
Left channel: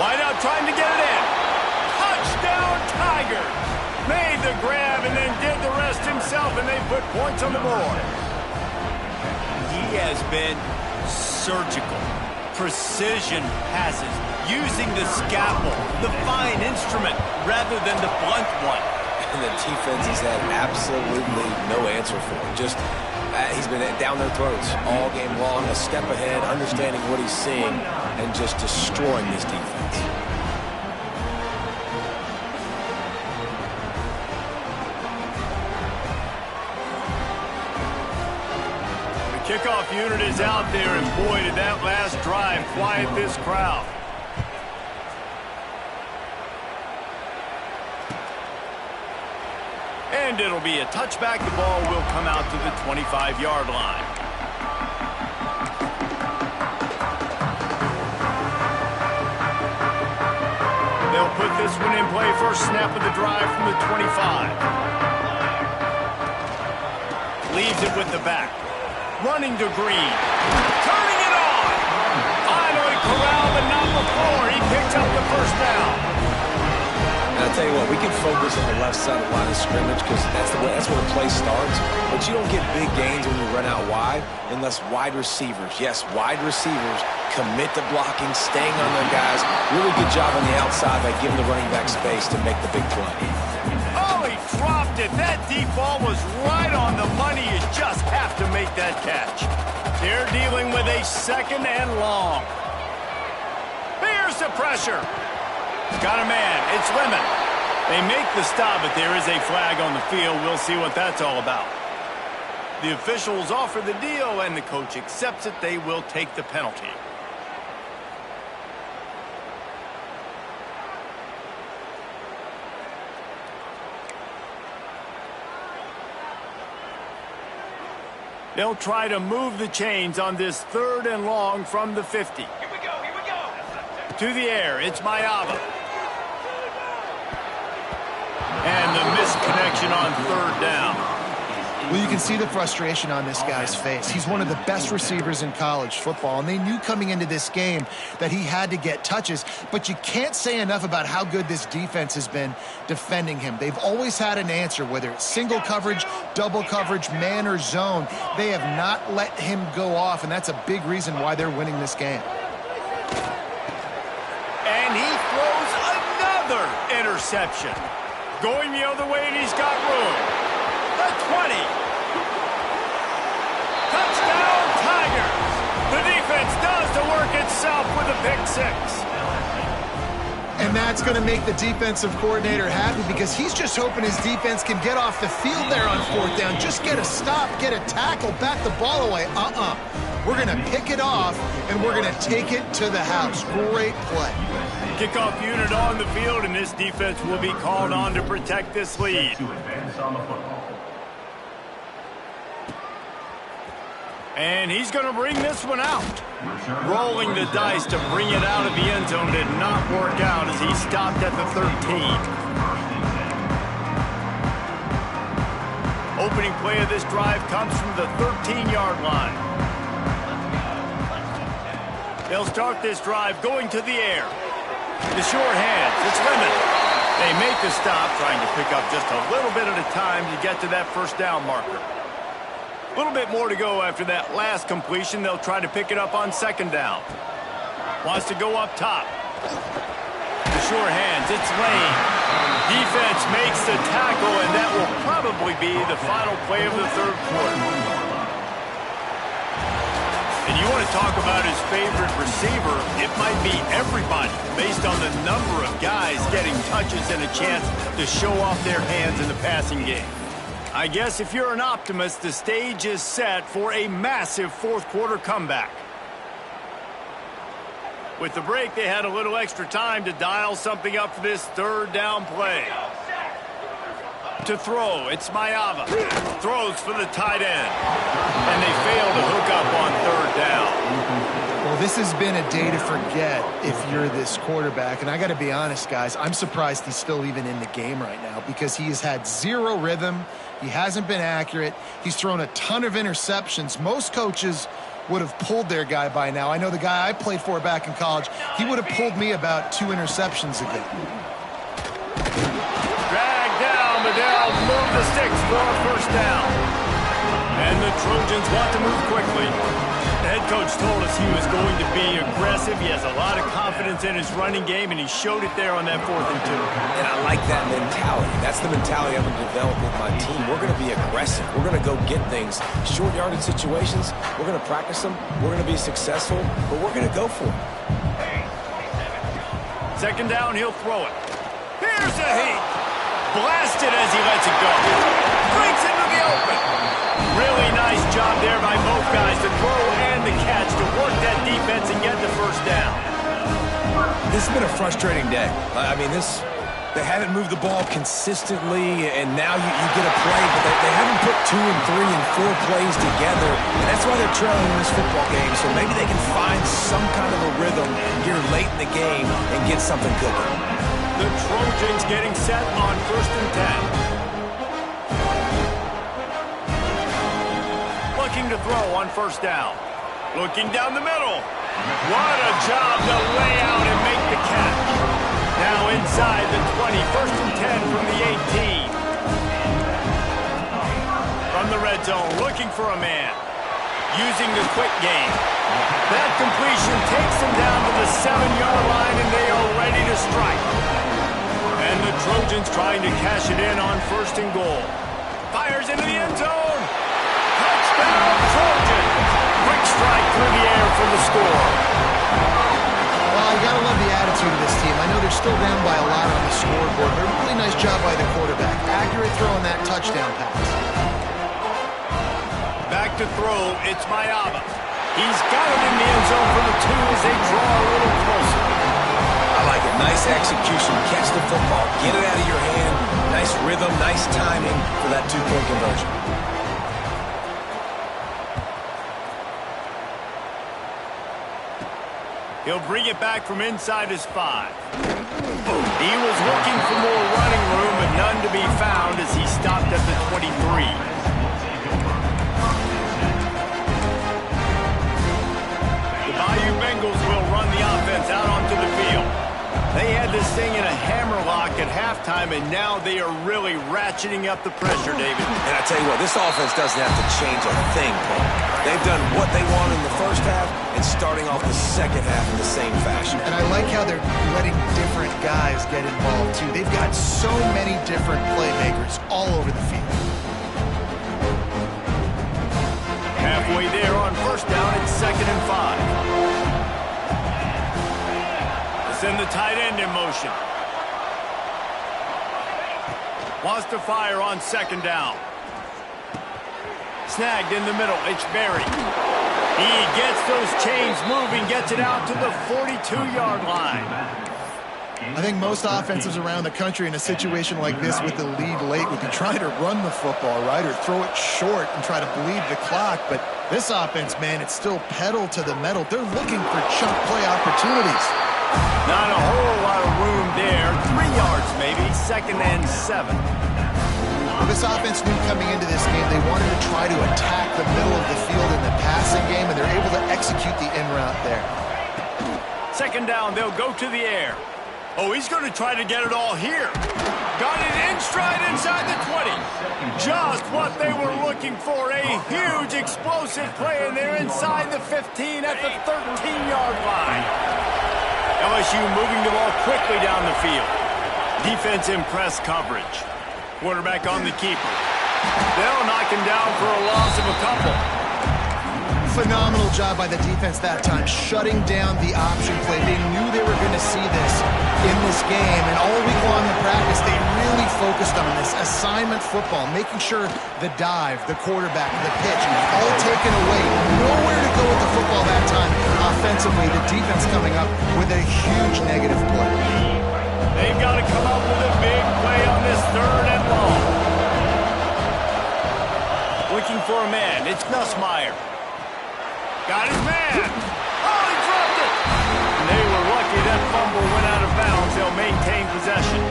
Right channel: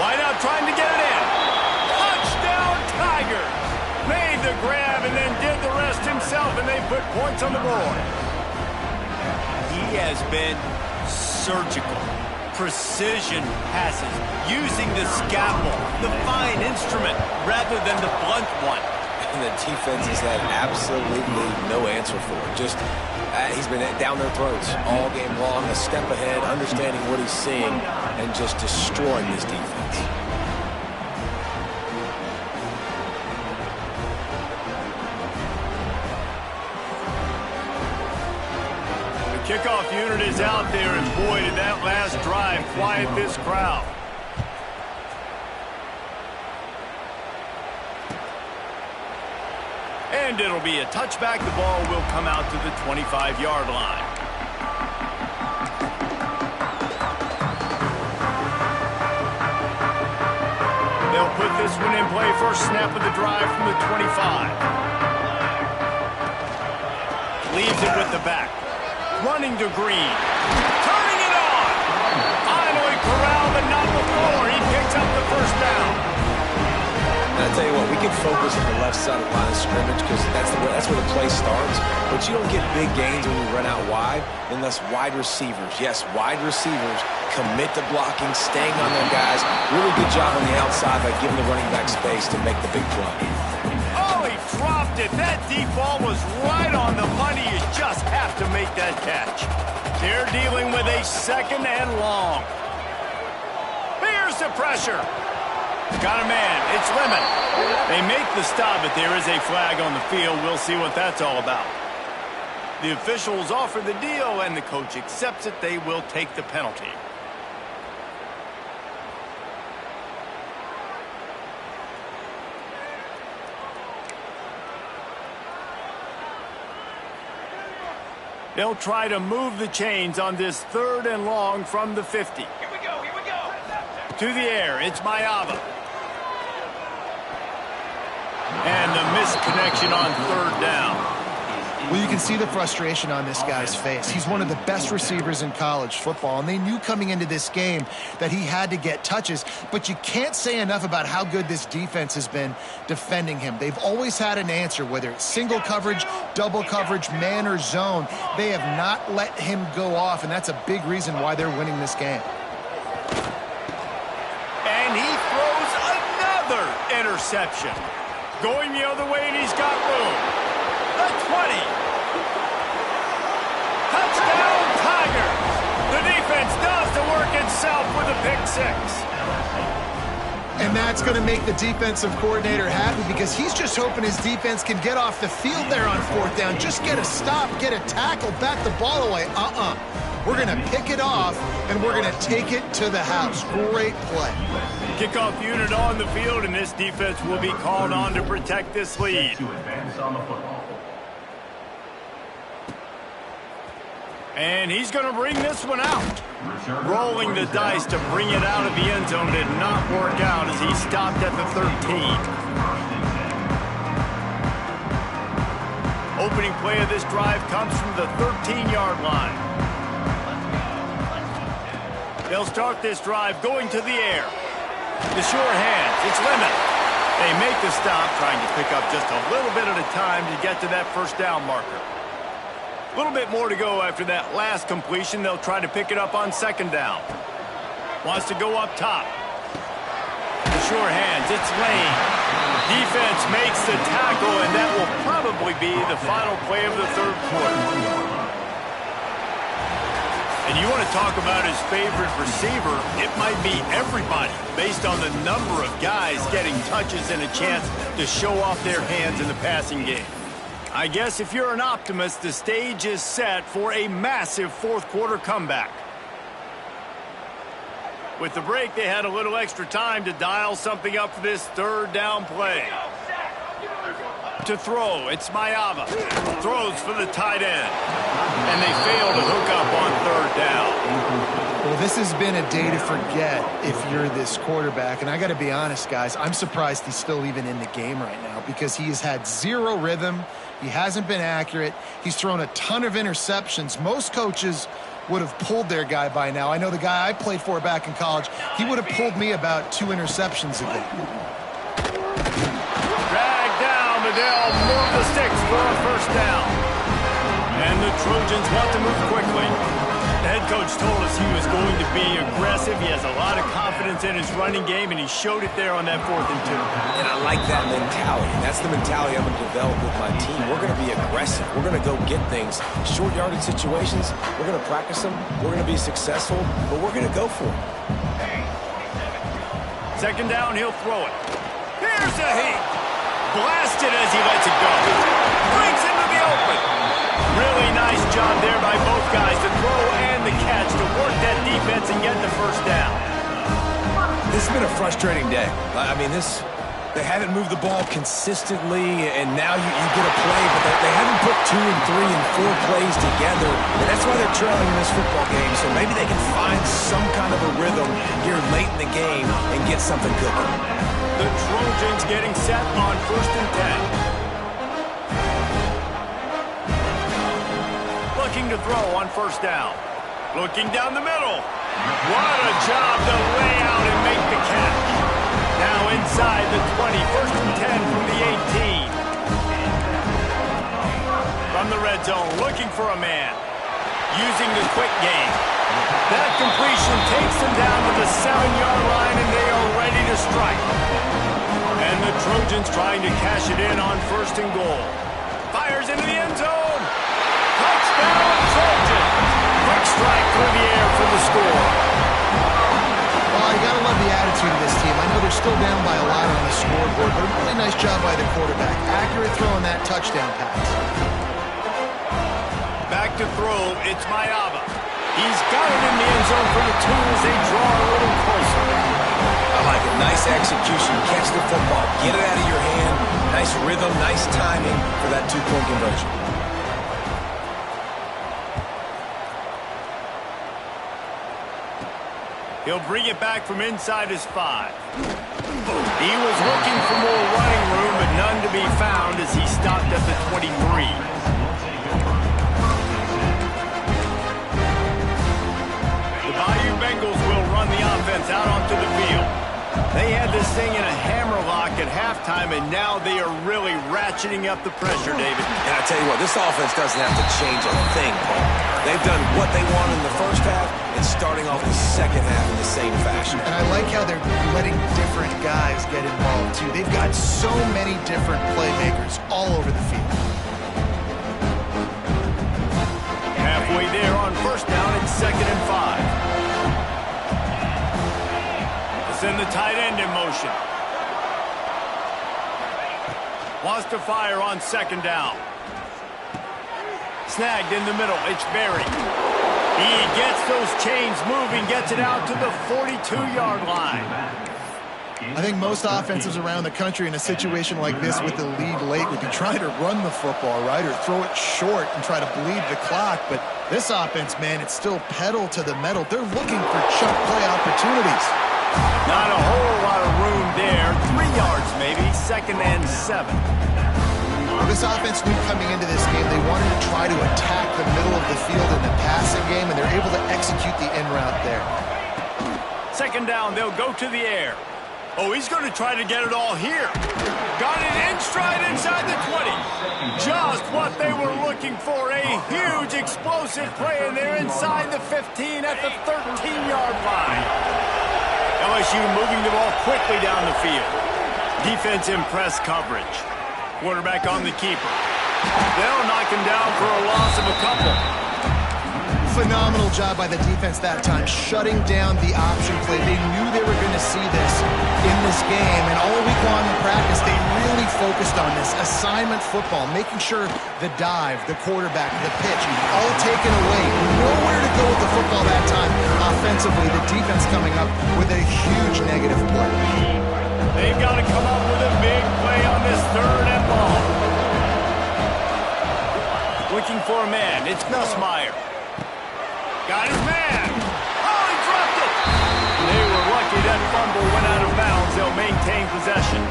Wide out trying to get it in. Touchdown Tigers! Made the grab and then did the rest himself, and they put points on the board. He has been surgical. Precision passes, using the scalpel, the fine instrument, rather than the blunt one. And the defense has had absolutely no answer for it. Just he's been down their throats all game long, a step ahead, understanding what he's seeing, and just destroying this defense. The kickoff unit is out there, and boy, did that last drive quiet this crowd. And it'll be a touchback. The ball will come out to the 25-yard line. They'll put this one in play. First snap of the drive from the 25. Leaves it with the back. Running to Green. Turning it on. Finally corralled, but not before. He picks up the first down. And I tell you what, we can focus on the left side of the line of scrimmage because that's where the play starts. But you don't get big gains when you run out wide unless wide receivers, yes, wide receivers, commit to blocking, staying on their guys. Really good job on the outside by giving the running back space to make the big play. Oh, he dropped it. That deep ball was right on the money. You just have to make that catch. They're dealing with a 2nd and long. Here's the pressure. Got a man. It's Lemon. They make the stop, but there is a flag on the field. We'll see what that's all about. The officials offer the deal, and the coach accepts it. They will take the penalty. They'll try to move the chains on this 3rd and long from the 50. Here we go, here we go. To the air, it's Mayava. And the missed connection on 3rd down. Well, you can see the frustration on this guy's face. He's one of the best receivers in college football, and they knew coming into this game that he had to get touches, but you can't say enough about how good this defense has been defending him. They've always had an answer, whether it's single coverage, double coverage, man or zone. They have not let him go off, and that's a big reason why they're winning this game. And he throws another interception. Going the other way, and he's got room. The 20. Touchdown, Tigers. The defense does the work itself with a pick 6. And that's going to make the defensive coordinator happy because he's just hoping his defense can get off the field there on 4th down. Just get a stop, get a tackle, bat the ball away. We're going to pick it off, and we're going to take it to the house. Great play. Kickoff unit on the field, and this defense will be called on to protect this lead. To advance on the football. And he's going to bring this one out. Rolling the dice to bring it out of the end zone did not work out as he stopped at the 13. Opening play of this drive comes from the 13-yard line. They'll start this drive going to the air. The sure hands, it's Lemon. They make the stop, trying to pick up just a little bit at a time to get to that 1st down marker. A little bit more to go after that last completion. They'll try to pick it up on 2nd down. Wants to go up top. The sure hands, it's Lane. Defense makes the tackle, and that will probably be the final play of the 3rd quarter. And you want to talk about his favorite receiver, it might be everybody based on the number of guys getting touches and a chance to show off their hands in the passing game. I guess if you're an optimist, the stage is set for a massive 4th quarter comeback. With the break, they had a little extra time to dial something up for this 3rd down play. To throw, it's Mayava. Throws for the tight end. And they fail to hook up on 3rd down. Well, this has been a day to forget if you're this quarterback. And I got to be honest, guys, I'm surprised he's still even in the game right now because he has had 0 rhythm. He hasn't been accurate. He's thrown a ton of interceptions. Most coaches would have pulled their guy by now. I know the guy I played for back in college, he would have pulled me about 2 interceptions ago. Drag down, but they'll move the sticks for a 1st down. And the Trojans want to move quickly. The head coach told us he was going to be aggressive. He has a lot of confidence in his running game, and he showed it there on that 4th and 2. And I like that mentality. That's the mentality I'm going to develop with my team. We're going to be aggressive. We're going to go get things. Short yardage situations, we're going to practice them. We're going to be successful, but we're going to go for it. 2nd down, he'll throw it. Here's a heat. Blasted as he lets it go. Breaks into the open. Really nice job there by both guys to throw and the catch to work that defense and get the 1st down. This has been a frustrating day. I mean, they haven't moved the ball consistently, and now you get a play, but they haven't put 2 and 3 and 4 plays together, and that's why they're trailing in this football game. So maybe they can find some kind of a rhythm here late in the game and get something cooking. The Trojans getting set on 1st and 10. Looking to throw on 1st down. Looking down the middle. What a job to lay out and make the catch. Now inside the 20, 1st and 10 from the 18. From the red zone, looking for a man. Using the quick game. That completion takes them down to the 7-yard line, and they are ready to strike. And the Trojans trying to cash it in on 1st and goal. Fires into the end zone. Touchdown, Trojans. Quick strike through the air for the score. Well, you got to love the attitude of this team. I know they're still down by a lot on the scoreboard, but a really nice job by the quarterback. Accurate throw on that touchdown pass. Back to throw, it's Mayava. He's got it in the end zone for the 2 as they draw a little closer. I like it. Nice execution. Catch the football. Get it out of your hand. Nice rhythm, nice timing for that 2-point conversion. He'll bring it back from inside his 5. He was looking for more running room, but none to be found as he stopped at the 23. The Bayou Bengals will run the offense out onto the field. They had this thing in a hammerlock at halftime, and now they are really ratcheting up the pressure, David. And I tell you what, this offense doesn't have to change a thing, Paul. They've done what they want in the first half and starting off the second half in the same fashion. And I like how they're letting different guys get involved, too. They've got so many different playmakers all over the field. Halfway there on first down, it's 2nd and 5. Send the tight end in motion. Wants to fire on 2nd down. Snagged in the middle. It's Berry. He gets those chains moving, gets it out to the 42-yard line. I think most offenses around the country in a situation like this with the lead late would be trying to run the football, right, or throw it short and try to bleed the clock. But this offense, man, it's still pedal to the metal. They're looking for chunk play opportunities. Not a whole lot of room there. 3 yards maybe. 2nd and 7. Well, this offense knew coming into this game they wanted to try to attack the middle of the field in the passing game, and they're able to execute the in route there. 2nd down, they'll go to the air. Oh, he's going to try to get it all here. Got it in stride inside the 20. Just what they were looking for. A huge explosive play, and they're inside the 15 at the 13-yard line. LSU moving the ball quickly down the field. Defense in press coverage. Quarterback on the keeper. They'll knock him down for a loss of a couple. Phenomenal job by the defense that time, shutting down the option play. They knew they were going to see this in this game, and all week long in practice, they really focused on this assignment football, making sure the dive, the quarterback, the pitch, all taken away. Nowhere to go with the football that time offensively. The defense coming up with a huge negative play. They've got to come up with a big play on this 3rd and long. Looking for a man. It's Nussmeier. Got his man. Oh, he dropped it. And they were lucky that fumble went out of bounds. They'll maintain possession.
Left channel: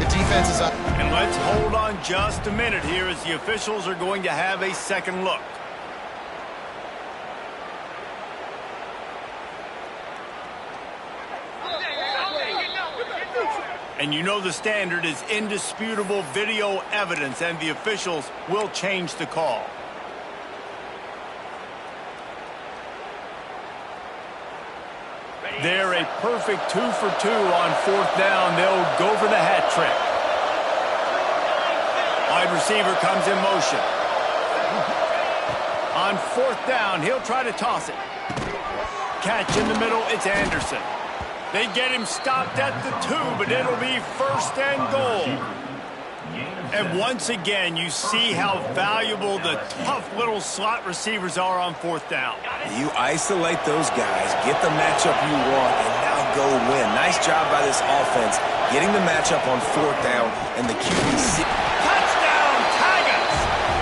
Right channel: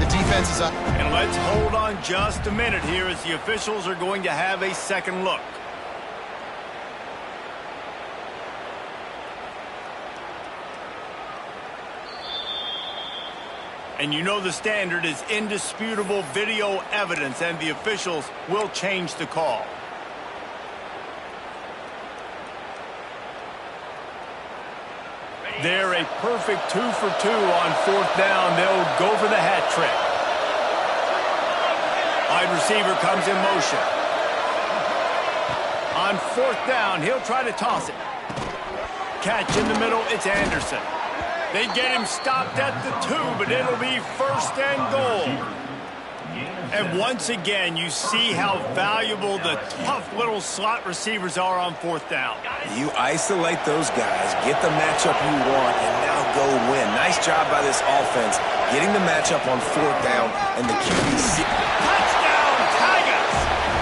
The defense is up. And let's hold on just a minute here as the officials are going to have a second look. And you know the standard is indisputable video evidence, and the officials will change the call. They're a perfect 2 for 2 on 4th down. They'll go for the hat trick. Wide receiver comes in motion. On 4th down, he'll try to toss it. Catch in the middle, it's Anderson. They get him stopped at the 2, but it'll be 1st and goal. And once again, you see how valuable the tough little slot receivers are on 4th down. You isolate those guys, get the matchup you want, and now go win. Nice job by this offense, getting the matchup on 4th down, and the QB. Touchdown, Tigers!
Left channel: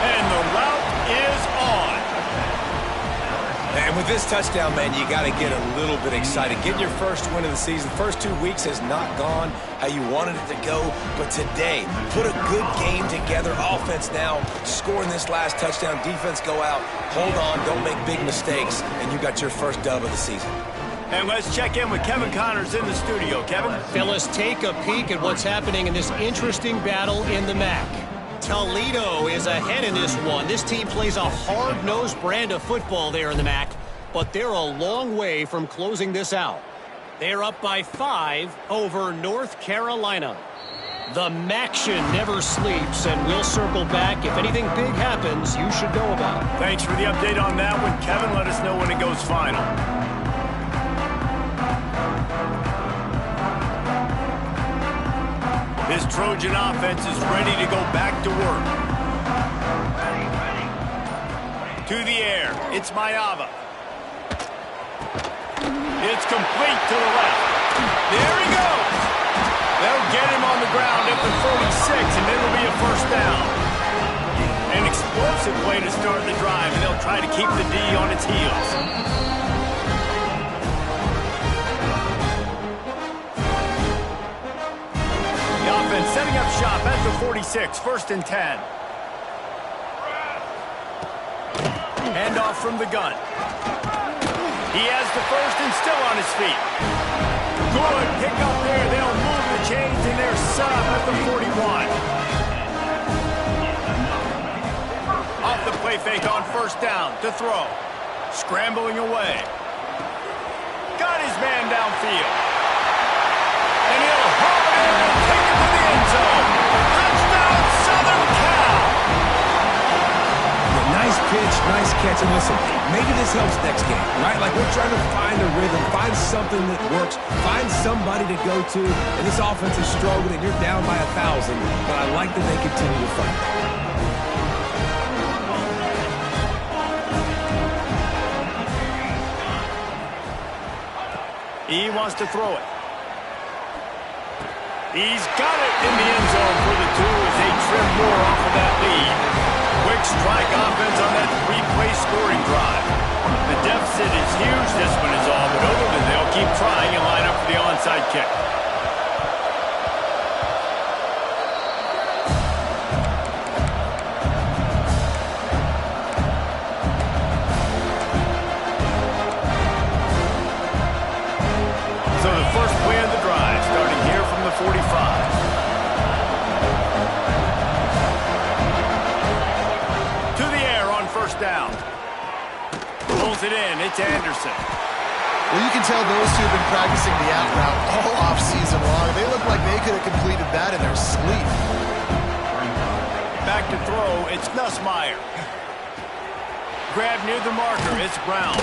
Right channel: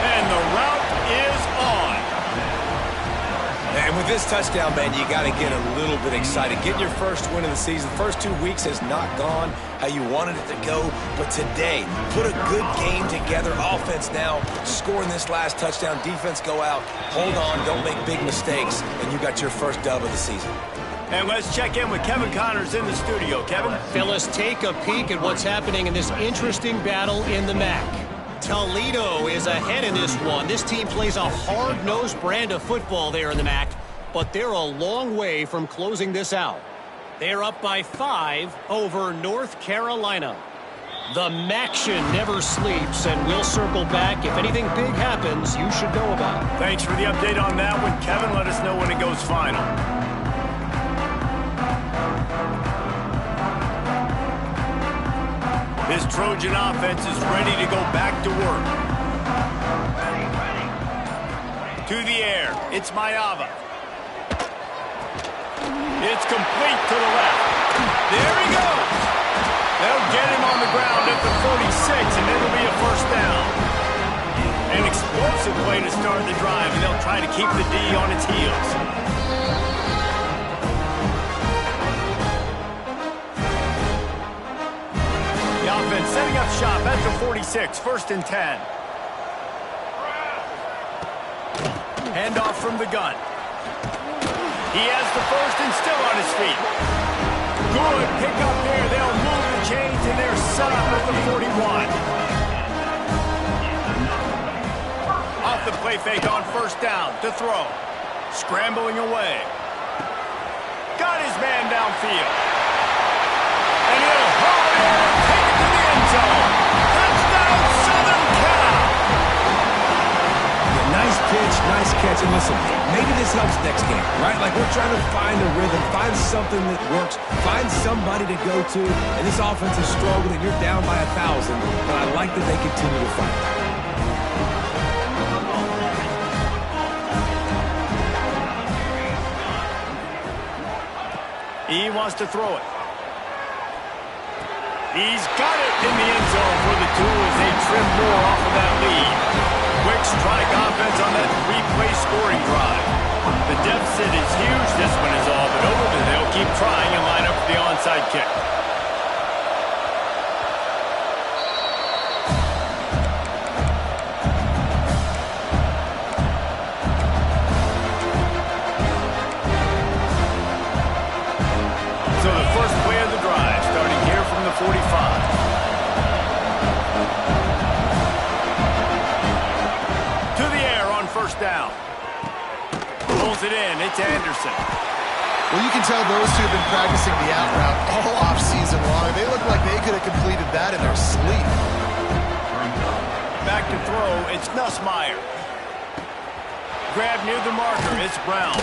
And the route is on. And with this touchdown, man, you got to get a little bit excited. Getting your first win of the season. First 2 weeks has not gone how you wanted it to go. But today, put a good game together. Offense now scoring this last touchdown. Defense go out. Hold on. Don't make big mistakes. And you got your first dub of the season. And let's check in with Kevin Connors in the studio. Kevin? Fellas, take a peek at what's happening in this interesting battle in the MAC. Toledo is ahead in this one. This team plays a hard-nosed brand of football there in the MAC, but they're a long way from closing this out. They're up by 5 over North Carolina. The MACtion never sleeps, and we'll circle back. If anything big happens, you should know about it. Thanks for the update on that one, Kevin. Let us know when it goes final. This Trojan offense is ready to go back to work. To the air, it's Maiava. It's complete to the left. There he goes. They'll get him on the ground at the 46, and it'll be a 1st down. An explosive play to start the drive, and they'll try to keep the D on its heels. offense setting up shop at the 46, 1st and 10. Handoff from the gun. He has the first and still on his feet. Good pick up there. They'll move the chains and they're set up at the 41. Off the play fake on 1st down to throw. Scrambling away. Got his man downfield. And he'll haul it in and take it to the end zone. Touchdown, Southern Cal! Yeah, nice pitch, nice catch. And listen, maybe this helps next game, right? Like we're trying to find a rhythm, find something that works, find somebody to go to. And this offense is struggling. You're down by 1,000, but I like that they continue to fight. He wants to throw it. He's got it in the end zone for the 2 as they trim more off of that lead. Quick strike offense on that 3-play scoring drive. The deficit is huge, this one is all, but over they'll keep trying and line up for the onside kick. So the first play of the drive, starting here from the 45. To the air on 1st down. Pulls it in. It's Anderson. Well, you can tell those two have been practicing the out route all off-season long. They look like they could have completed that in their sleep. Back to throw. It's Nussmeier. Grab near the marker. It's Brown.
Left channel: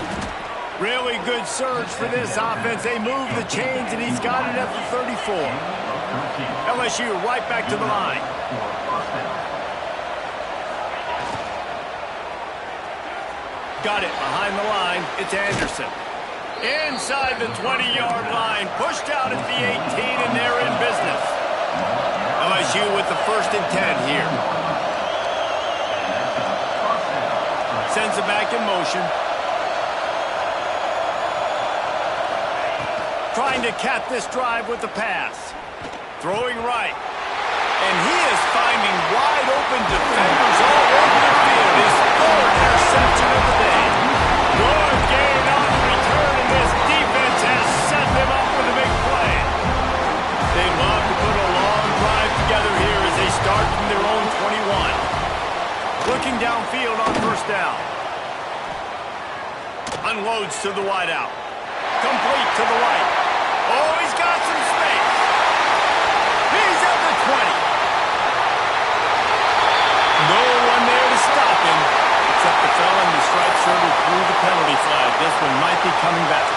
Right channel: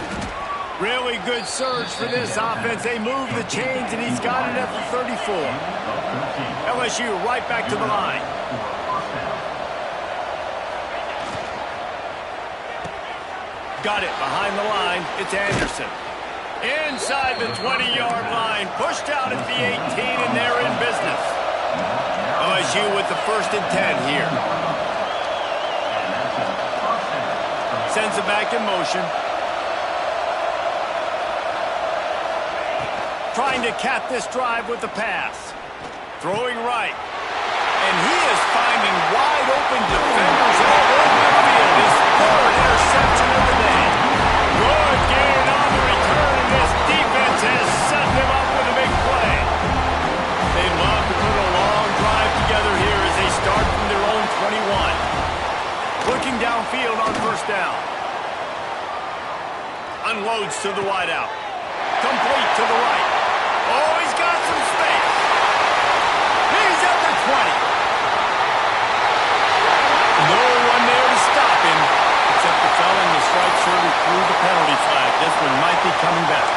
Really good surge for this offense. They move the chains, and he's got it at the 34. LSU right back to the line. Got it behind the line. It's Anderson. Inside the 20-yard line. Pushed out at the 18, and they're in business. LSU with the 1st and 10 here. Sends it back in motion. Trying to cap this drive with the pass. Throwing right. And he is finding wide open defenders all over the field. His 3rd interception of the day. Good gain on the return, and this defense has set them up with a big play. They love to put a long drive together here as they start from their own 21. Looking downfield on 1st down. Unloads to the wideout. Complete to the right. Oh, he's got some space. He's at the 20. No one there to stop him, except the fella in the striped shirt who threw the penalty flag. This one might be coming back.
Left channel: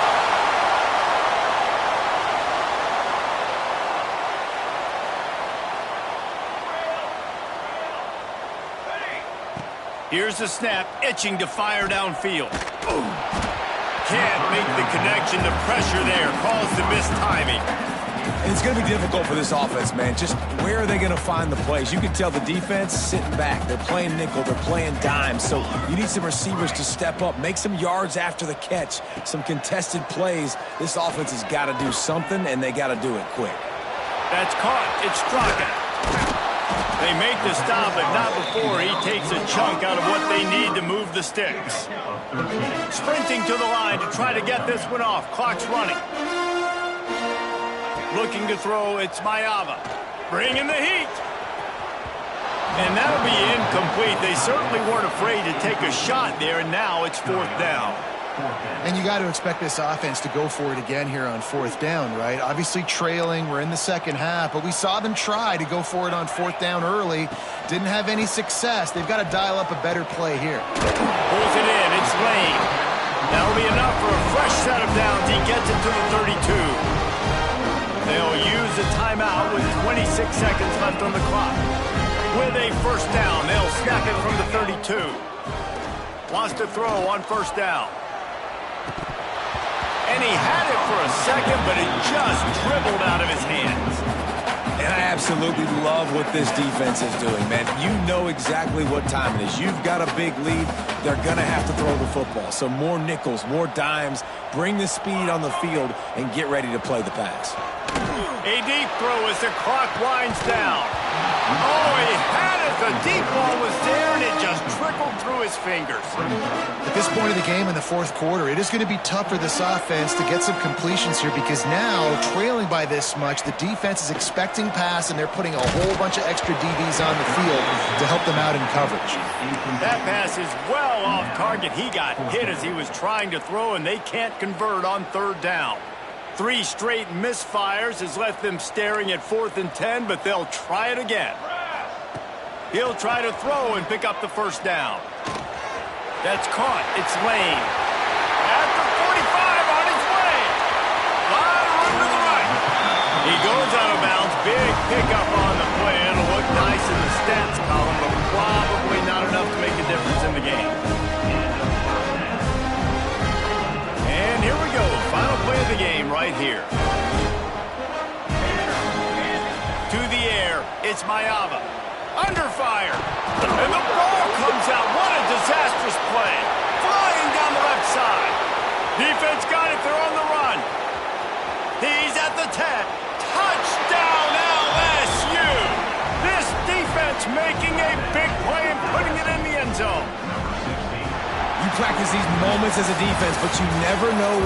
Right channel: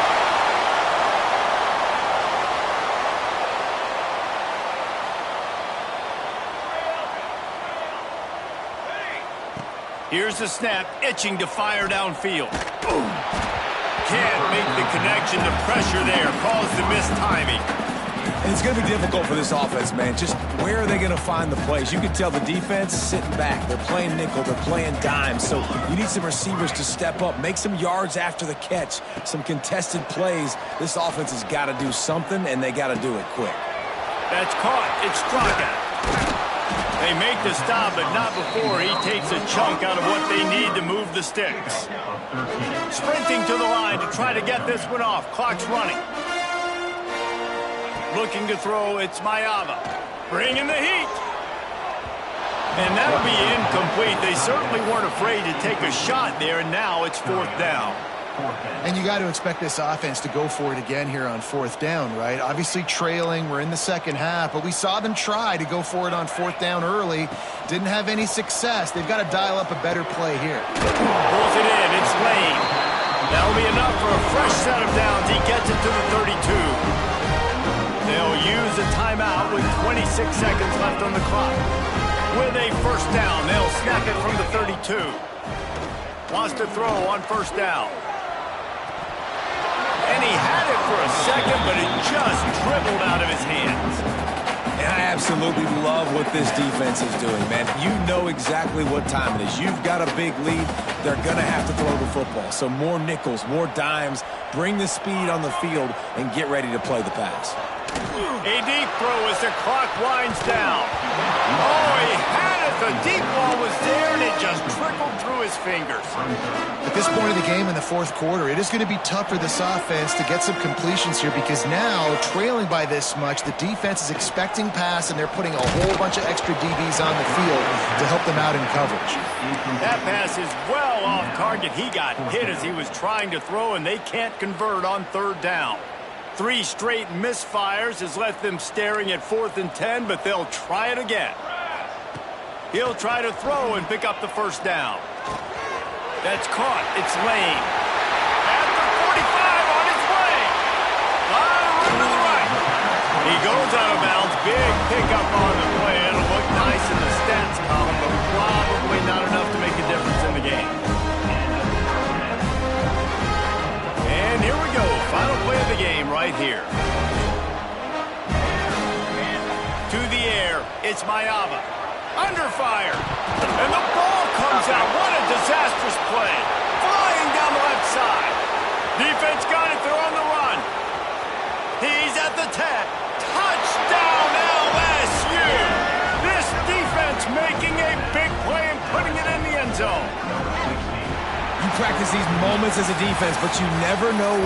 Here's the snap, itching to fire downfield. Boom. Can't make the connection. The pressure there caused the missed timing. And it's going to be difficult for this offense, man. Just where are they going to find the plays? You can tell the defense sitting back. They're playing nickel. They're playing dime. So you need some receivers to step up, make some yards after the catch, some contested plays. This offense has got to do something, and they got to do it quick. That's caught. It's Straka. They make the stop, but not before he takes a chunk out of what they need to move the sticks. Sprinting to the line to try to get this one off. Clock's running. Looking to throw, it's Maiava. Bringing the heat. And that'll be incomplete. They certainly weren't afraid to take a shot there, and now it's 4th down. And you got to expect this offense to go for it again here on 4th down, right? Obviously trailing, we're in the 2nd half, but we saw them try to go for it on 4th down early. Didn't have any success. They've got to dial up a better play here. Pulls it in, it's Lane. That'll be enough for a fresh set of downs. He gets it to the 32. They'll use a timeout with 26 seconds left on the clock. With a 1st down, they'll snap it from the 32. Wants to throw on 1st down. And he had it for a second, but it just dribbled out of his hands. And I absolutely love what this defense is doing, man. You know exactly what time it is. You've got a big lead. They're going to have to throw the football. So more nickels, more dimes, bring the speed on the field, and get ready to play the pass. A deep throw as the clock winds down. Oh, he had it. The deep ball was there, and it just trickled through his fingers. At this point of the game in the fourth quarter, it is going to be tough for this offense to get some completions here because now, trailing by this much, the defense is expecting pass, and they're putting a whole bunch of extra DBs on the field to help them out in coverage. That pass is well off target. He got hit as he was trying to throw, and they can't convert on third down. 3 straight misfires has left them staring at 4th and 10, but they'll try it again. He'll try to throw and pick up the first down. That's caught. It's Lane. At the 45 on his way. Lot of room to the right. He goes out of bounds. Big pickup on the play. It'll look nice in the stats column, but probably not enough to make a difference in the game. And here we go. Final play of the game right here. To the air. It's Mayava. Under fire. And the ball comes out. What a disastrous play. Flying down the left side. Defense got it. They're on the run. He's at the 10. Touchdown LSU. This defense making a big play and putting it in the end zone. You practice these moments as a defense, but you never know